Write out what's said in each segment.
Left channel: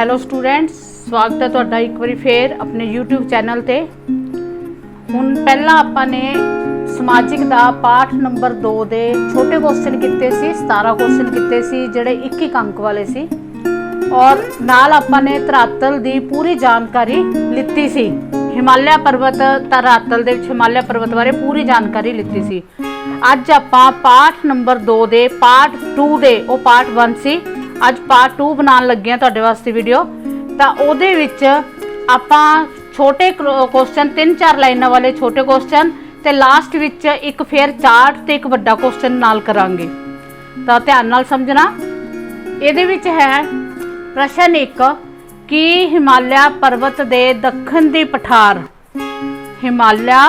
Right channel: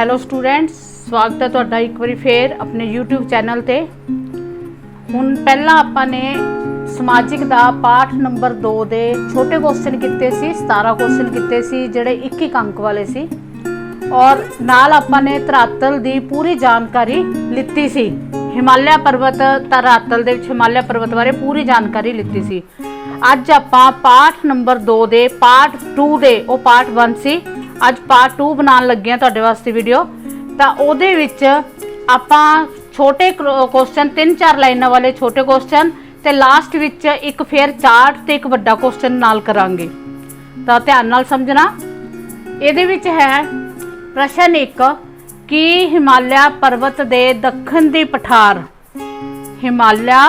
Hello students, ਸਵਾਗਤ ਹੈ ਤੁਹਾਡਾ ਇੱਕ ਵਾਰੀ ਫੇਰ ਆਪਣੇ YouTube ਚੈਨਲ ਤੇ। ਹੁਣ ਪਹਿਲਾਂ ਆਪਾਂ ਨੇ ਸਮਾਜਿਕ ਦਾ ਪਾਠ ਨੰਬਰ 2 ਦੇ ਛੋਟੇ ਕੁਐਸਚਨ ਕੀਤੇ ਸੀ, 17 ਕੁਐਸਚਨ ਕੀਤੇ ਸੀ ਜਿਹੜੇ 1 ਅੰਕ ਵਾਲੇ ਸੀ, ਔਰ ਨਾਲ ਆਪਾਂ ਨੇ ਧਰਾਤਲ ਦੀ ਪੂਰੀ ਜਾਣਕਾਰੀ ਲਿੱਤੀ ਸੀ। ਹਿਮਾਲਿਆ ਪਰਬਤ, ਧਰਾਤਲ ਦੇ ਵਿੱਚ ਹਿਮਾਲਿਆ ਪਰਬਤ ਬਾਰੇ ਪੂਰੀ ਜਾਣਕਾਰੀ ਲਿੱਤੀ ਸੀ। ਅੱਜ ਆਪਾਂ ਪਾਠ ਨੰਬਰ 2 ਦੇ ਪਾਰਟ 2 ਦੇ, ਉਹ ਪਾਰਟ 1 ਸੀ, ਅੱਜ ਪਾर्ट 2 बनाने लगे तुहाडे वास्ते वीडियो। तो उहदे विच आपां छोटे क्वेश्चन 3-4 लाइनां वाले छोटे क्वेश्चन ते लास्ट विच एक फिर चार्ट ते एक वड्डा क्वेश्चन नाल करांगे। तो ध्यान नाल समझना। इहदे विच है प्रश्न 1 कि हिमालय पर्वत दे दक्षिण दी पठार, हिमालय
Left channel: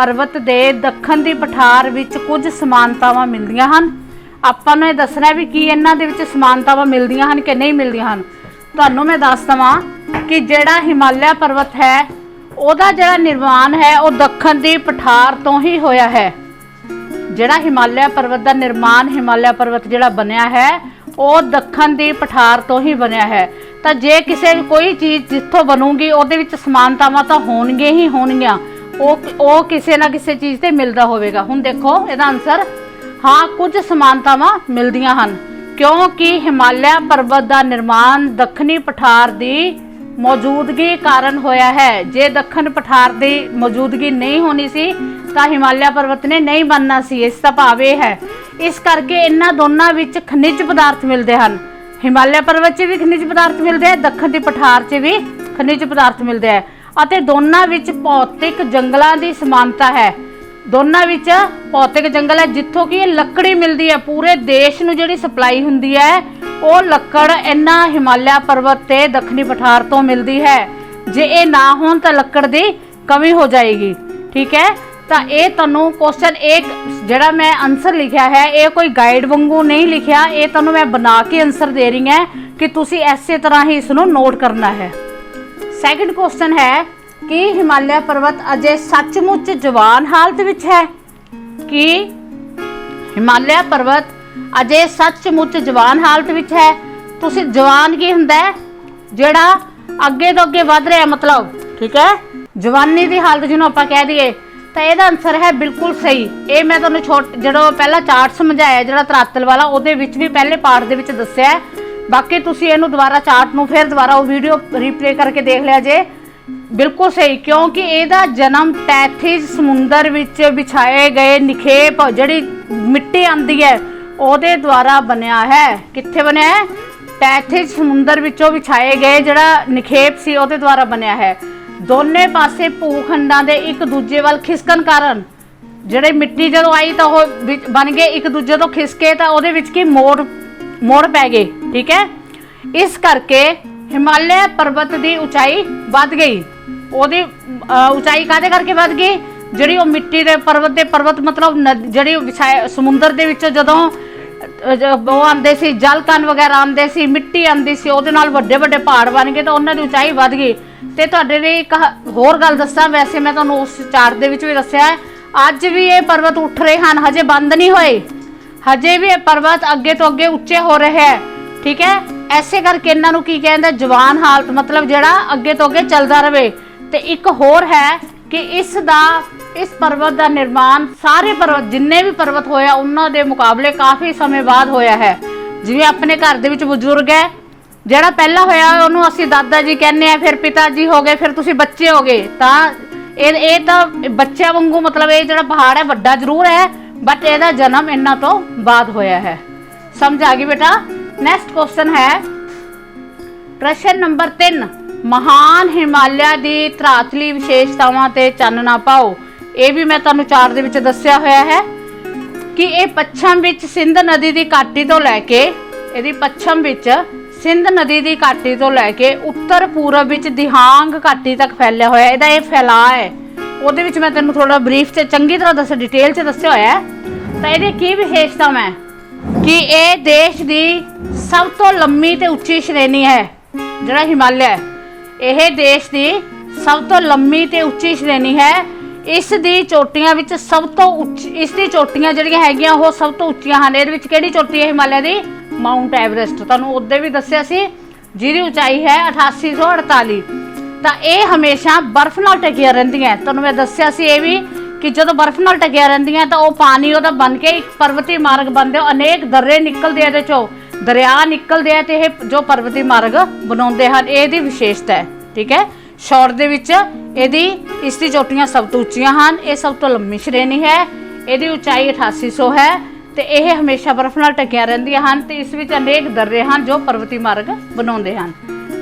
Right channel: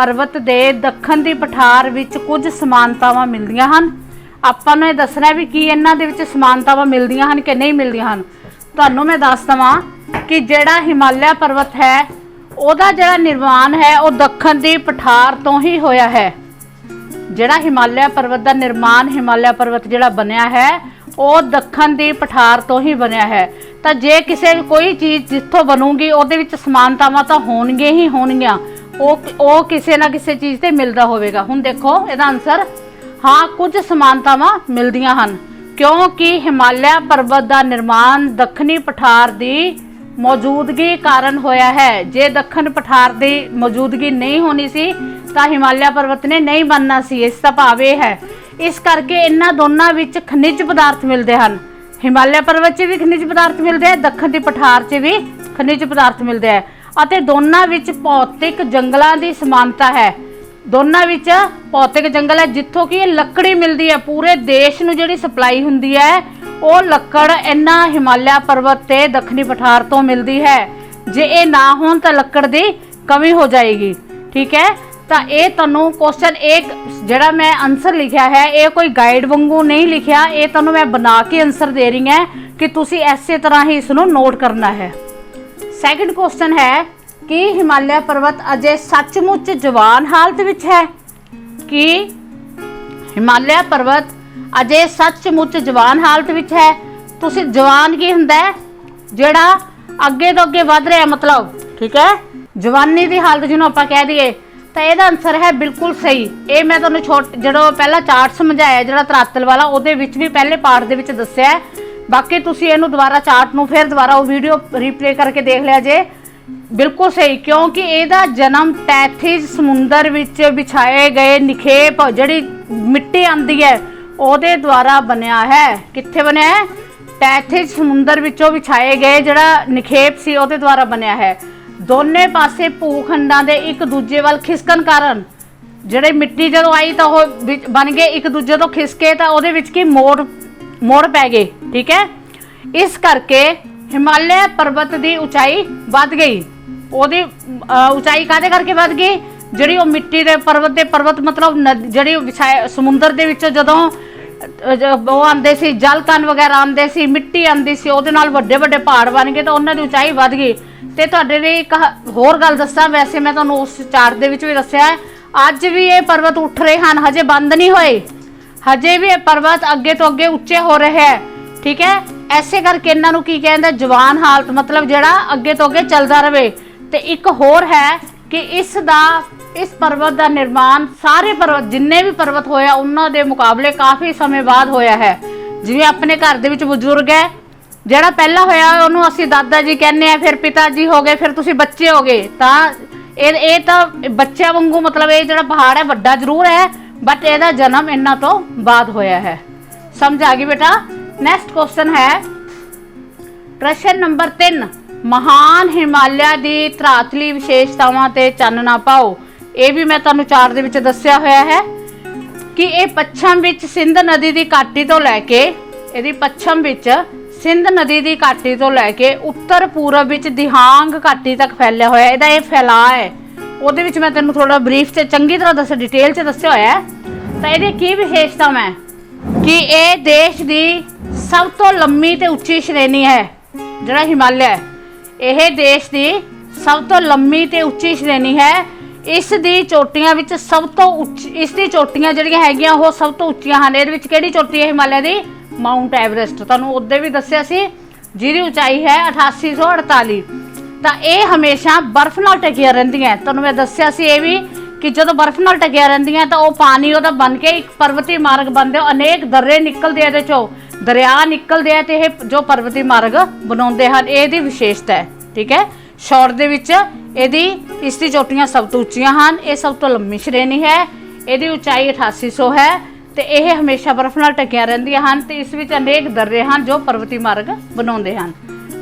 पर्वत दे दक्षिण दी पठार विच कुछ समानतावां मिलदियां हन। ਆਪਾਂ ਨੂੰ ਇਹ ਦੱਸਣਾ ਵੀ ਕੀ ਇਹਨਾਂ ਦੇ ਵਿੱਚ ਸਮਾਨਤਾਵਾਂ ਮਿਲਦੀਆਂ ਹਨ ਕਿ ਨਹੀਂ ਮਿਲਦੀਆਂ ਹਨ। ਤੁਹਾਨੂੰ ਮੈਂ ਦੱਸ ਦਵਾਂ ਕਿ ਜਿਹੜਾ ਹਿਮਾਲਿਆ ਪਰਬਤ ਹੈ ਉਹਦਾ ਜਿਹੜਾ ਨਿਰਮਾਣ ਹੈ ਉਹ ਦੱਖਣ ਦੀ ਪਠਾਰ ਤੋਂ ਹੀ ਹੋਇਆ ਹੈ। ਜਿਹੜਾ ਹਿਮਾਲਿਆ ਪਰਬਤ ਦਾ ਨਿਰਮਾਣ, ਹਿਮਾਲਿਆ ਪਰਬਤ ਜਿਹੜਾ ਬਣਿਆ ਹੈ ਉਹ ਦੱਖਣ ਦੀ ਪਠਾਰ ਤੋਂ ਹੀ ਬਣਿਆ ਹੈ। ਤਾਂ ਜੇ ਕਿਸੇ ਕੋਈ ਚੀਜ਼ ਜਿੱਥੋਂ ਬਣੂਗੀ ਉਹਦੇ ਵਿੱਚ ਸਮਾਨਤਾਵਾਂ ਤਾਂ ਹੋਣਗੇ ਹੀ ਹੋਣਗੀਆਂ, ਉਹ ਕਿਸੇ ਨਾ ਕਿਸੇ ਚੀਜ਼ ਤੇ ਮਿਲਦਾ ਹੋਵੇਗਾ। ਹੁਣ ਦੇਖੋ ਇਹਦਾ ਆਨਸਰ हाँ, कुछ समानतावां मिलदियां हन क्योंकि हिमालय पर्वत का निर्माण दक्षिणी पठार की मौजूदगी कारण होया है। जे दक्षिण पठार की मौजूदगी नहीं होनी सी तो हिमालय पर्वत ने नहीं बनना सी। इसका भाव यह है, इस करके इन्हां दोनों विच खनिज पदार्थ मिलते हैं। हिमालय पर्वत च भी खनिज पदार्थ मिलते हैं, दक्षिण की पठार च भी खनिज पदार्थ मिलते हैं, और दोनों विच भौतिक जंगलों की समानता है। दोनों विच भौतिक जंगल है जिथों की लकड़ी मिलती है, पूरे देश नूं जिहड़ी सप्लाई हुंदी है वो लकड़ इन्हां हिमालय पर्वत ते दक्षिणी पठार तो मिलती है। जे ये ना होण तां लकड़ की कमी हो जाएगी। ठीक है, तो ये तुहानूं क्वेश्चन एक जिहड़ा मैं आंसर लिखिया है ये कोई गाइड वांगू नहीं लिखिया, ये तुहानूं मैं बना के आंसर दे रही है कि तुसीं इसे तरह ही इसनूं नोट करना है। सैकंड क्वेश्चन है कि हिमालय पर्वत अजे सचमुच जवान हालत विच है। कि हिमालय पर्वत अजे सचमुच जवान हालत विच है। तुसी जवान की हुंदा है जिहड़ा अगे तो अगे वध रहा, मतलब ठीक है जवानी की हालत जिन्होंने आपां कह दईए। तो यह आंसर है बिल्कुल सही। ये मैं तुहानूं जो पहला चार्ट समझाया जिहड़ा धरातल वाला ਉਹਦੇ ਵਿੱਚ भी पहले पार्ट ਦੇ ਵਿੱਚ ਦੱਸਿਆ है। बाकी तुसी इहनूं दुबारा चार्ट नूं फिर दोबारा वो वीडियो रिप्ले करके देख लिया जे, बिल्कुल सही। क्योंकि ਇਹਦਾ जन्म टैथिस समुंदर विच बिछाए गए निखेप ਜਿਹੜੀ मिट्टी आंदी है ਉਹਦੇ द्वारा बनया है। कित्थे बनया है? टैथिस समुंदर विचों बिछाए गए ਜਿਹੜਾ निखेप सी ਉਹਦੇ द्वारा बनया है। दोने पासे भूखंडां दे एक दूजे वाल खिसकन कारण ਜਿਹੜੇ मिट्टी ਜਦੋਂ आई तो ਉਹ बन गए एक दूजे तो खिसके तो ਉਹਦੇ ਵਿੱਚ ਕੀ मोड़ पै गए। ठीक है, इस करके हिमालय पर्वत की उचाई वध गई। ਉਹਦੀ उचाई कादे करके वध गई? ਜਿਹੜੀ ਉਹ मिट्टी के पर्वत मतलब ਜਿਹੜੀ समुंदर ਦੇ ਵਿੱਚੋਂ ਜਦੋਂ ਉਹ ਆਉਂਦੇ ਸੀ, ਜਲ ਕਣ ਵਗੈਰਾ ਆਉਂਦੇ ਸੀ, ਮਿੱਟੀ ਆਉਂਦੀ ਸੀ, ਉਹਦੇ ਨਾਲ ਵੱਡੇ ਵੱਡੇ ਪਹਾੜ ਬਣ ਗਏ ਤਾਂ ਉਹਨਾਂ ਦੀ ਉਚਾਈ ਵਧ ਗਈ। ਤੇ ਤੁਹਾਡੇ ਲਈ ਇੱਕ ਹੋਰ ਗੱਲ ਦੱਸਾਂ, ਵੈਸੇ ਮੈਂ ਤੁਹਾਨੂੰ ਉਸ ਚਾਰਟ ਦੇ ਵਿੱਚ ਵੀ ਦੱਸਿਆ ਹੈ, ਅੱਜ ਵੀ ਇਹ ਪਰਬਤ ਉੱਠ ਰਹੇ ਹਨ, ਹਜੇ ਬੰਦ ਨਹੀਂ ਹੋਏ, ਹਜੇ ਵੀ ਇਹ ਪਰਬਤ ਅੱਗੇ ਤੋਂ ਅੱਗੇ ਉੱਚੇ ਹੋ ਰਹੇ ਹੈ। ਠੀਕ ਹੈ, ऐसे करके इन्हां नूं की कहंदे जवान हालत, मतलब जिहड़ा अगे तो अगे चलदा रहे। तो एक होर है कि इस पर्वत का निर्माण सारे पर्वत जिन्ने भी पर्वत होया उन्हां दे मुकाबले काफ़ी समय बाद होया है। जिवें अपने घर दे विच बजुर्ग है, जिहड़ा पहला होया उहनूं असीं दादा जी कहने आ, फिर पिता जी हो गए, फिर तुसीं बच्चे हो गए। तां ये तां बच्चों वांगू, मतलब ये जिहड़ा पहाड़ है वड्डा जरूर है बट इहदा जन्म इन्हां तो बाद होया है। समझ आ गई बेटा? नैक्सट क्वेश्चन है प्रश्न नंबर 3, महान हिमालय की धरातली विशेषतावां ते चानना पाओ। ये भी मैं तुहानूं चार्ट दे विच दस्सिया होया है कि ये पच्छम विच सिंध नदी की घाटी तो लैके, इहदी पच्छम विच सिंध नदी की घाटी तो लैके उत्तर पूरब विच दिहांग घाटी तक फैलिया होया। इहदा ये फैलाव है ਉਹਦੇ ਵਿੱਚ मैं तैनूं थोड़ा ब्रीफ से चंगी तरह दस डिटेल से दस्सिया होया है। तो इहदी की विशेषतावां है कि यह देश की सब तो लंबी ते उच्ची श्रेणी है। जिहड़ा हिमालय है यह देश की सब तो लंबी ते उच्ची श्रेणी है। इस दी चोटियां विच सब तो उच्ची, इसकी चोटियां जिहड़ियां हैगियां वो सब तो उच्चियां हैं। इहदे विच किहड़ी चोटी है हिमालय की? Mount Everest. तुहानूं उहदे भी दस्सिया सी ਜਿਹਦੀ ਉਚਾਈ ਹੈ 8848। ਤਾਂ ਇਹ ਹਮੇਸ਼ਾ ਬਰਫ਼ ਨਾਲ ਢਕੀਆਂ ਰਹਿੰਦੀਆਂ। ਤੁਹਾਨੂੰ ਮੈਂ ਦੱਸਿਆ ਸੀ ਇਹ ਵੀ ਕਿ ਜਦੋਂ ਬਰਫ਼ ਨਾਲ ਢਕੀਆਂ ਰਹਿੰਦੀਆਂ ਤਾਂ ਉਹ ਪਾਣੀ ਉਹਦਾ ਬਣ ਕੇ ਇੱਕ ਪਰਬਤੀ ਮਾਰਗ ਬਣਦੇ, ਅਨੇਕ ਦर्रे ਨਿਕਲਦੇ ਇਹਦੇ ਚੋਂ, ਦਰਿਆ ਨਿਕਲਦੇ ਆ ਤੇ ਇਹ ਜੋ ਪਰਬਤੀ ਮਾਰਗ ਬਣਾਉਂਦੇ ਹਨ। ਇਹਦੀ ਵਿਸ਼ੇਸ਼ਤਾ ਹੈ, ਠੀਕ ਹੈ। ਸ਼ੌਰ ਦੇ ਵਿੱਚ ਇਸ ਦੀ ਚੋਟੀਆਂ ਸਭ ਤੋਂ ਉੱਚੀਆਂ ਹਨ। ਇਹ ਸਭ ਤੋਂ ਲੰਮੀ ਸ਼੍ਰੇਣੀ ਹੈ। ਇਹਦੀ ਉਚਾਈ 8800 ਹੈ ਤੇ ਇਹ ਹਮੇਸ਼ਾ ਬਰਫ਼ ਨਾਲ ਢਕੀਆਂ ਰਹਿੰਦੀਆਂ ਹਨ ਤੇ ਇਸ ਵਿੱਚ ਅਨੇਕ ਦर्रे ਹਨ ਜੋ ਪਰਬਤੀ ਮਾਰਗ ਬਣਾਉਂਦੇ ਹਨ।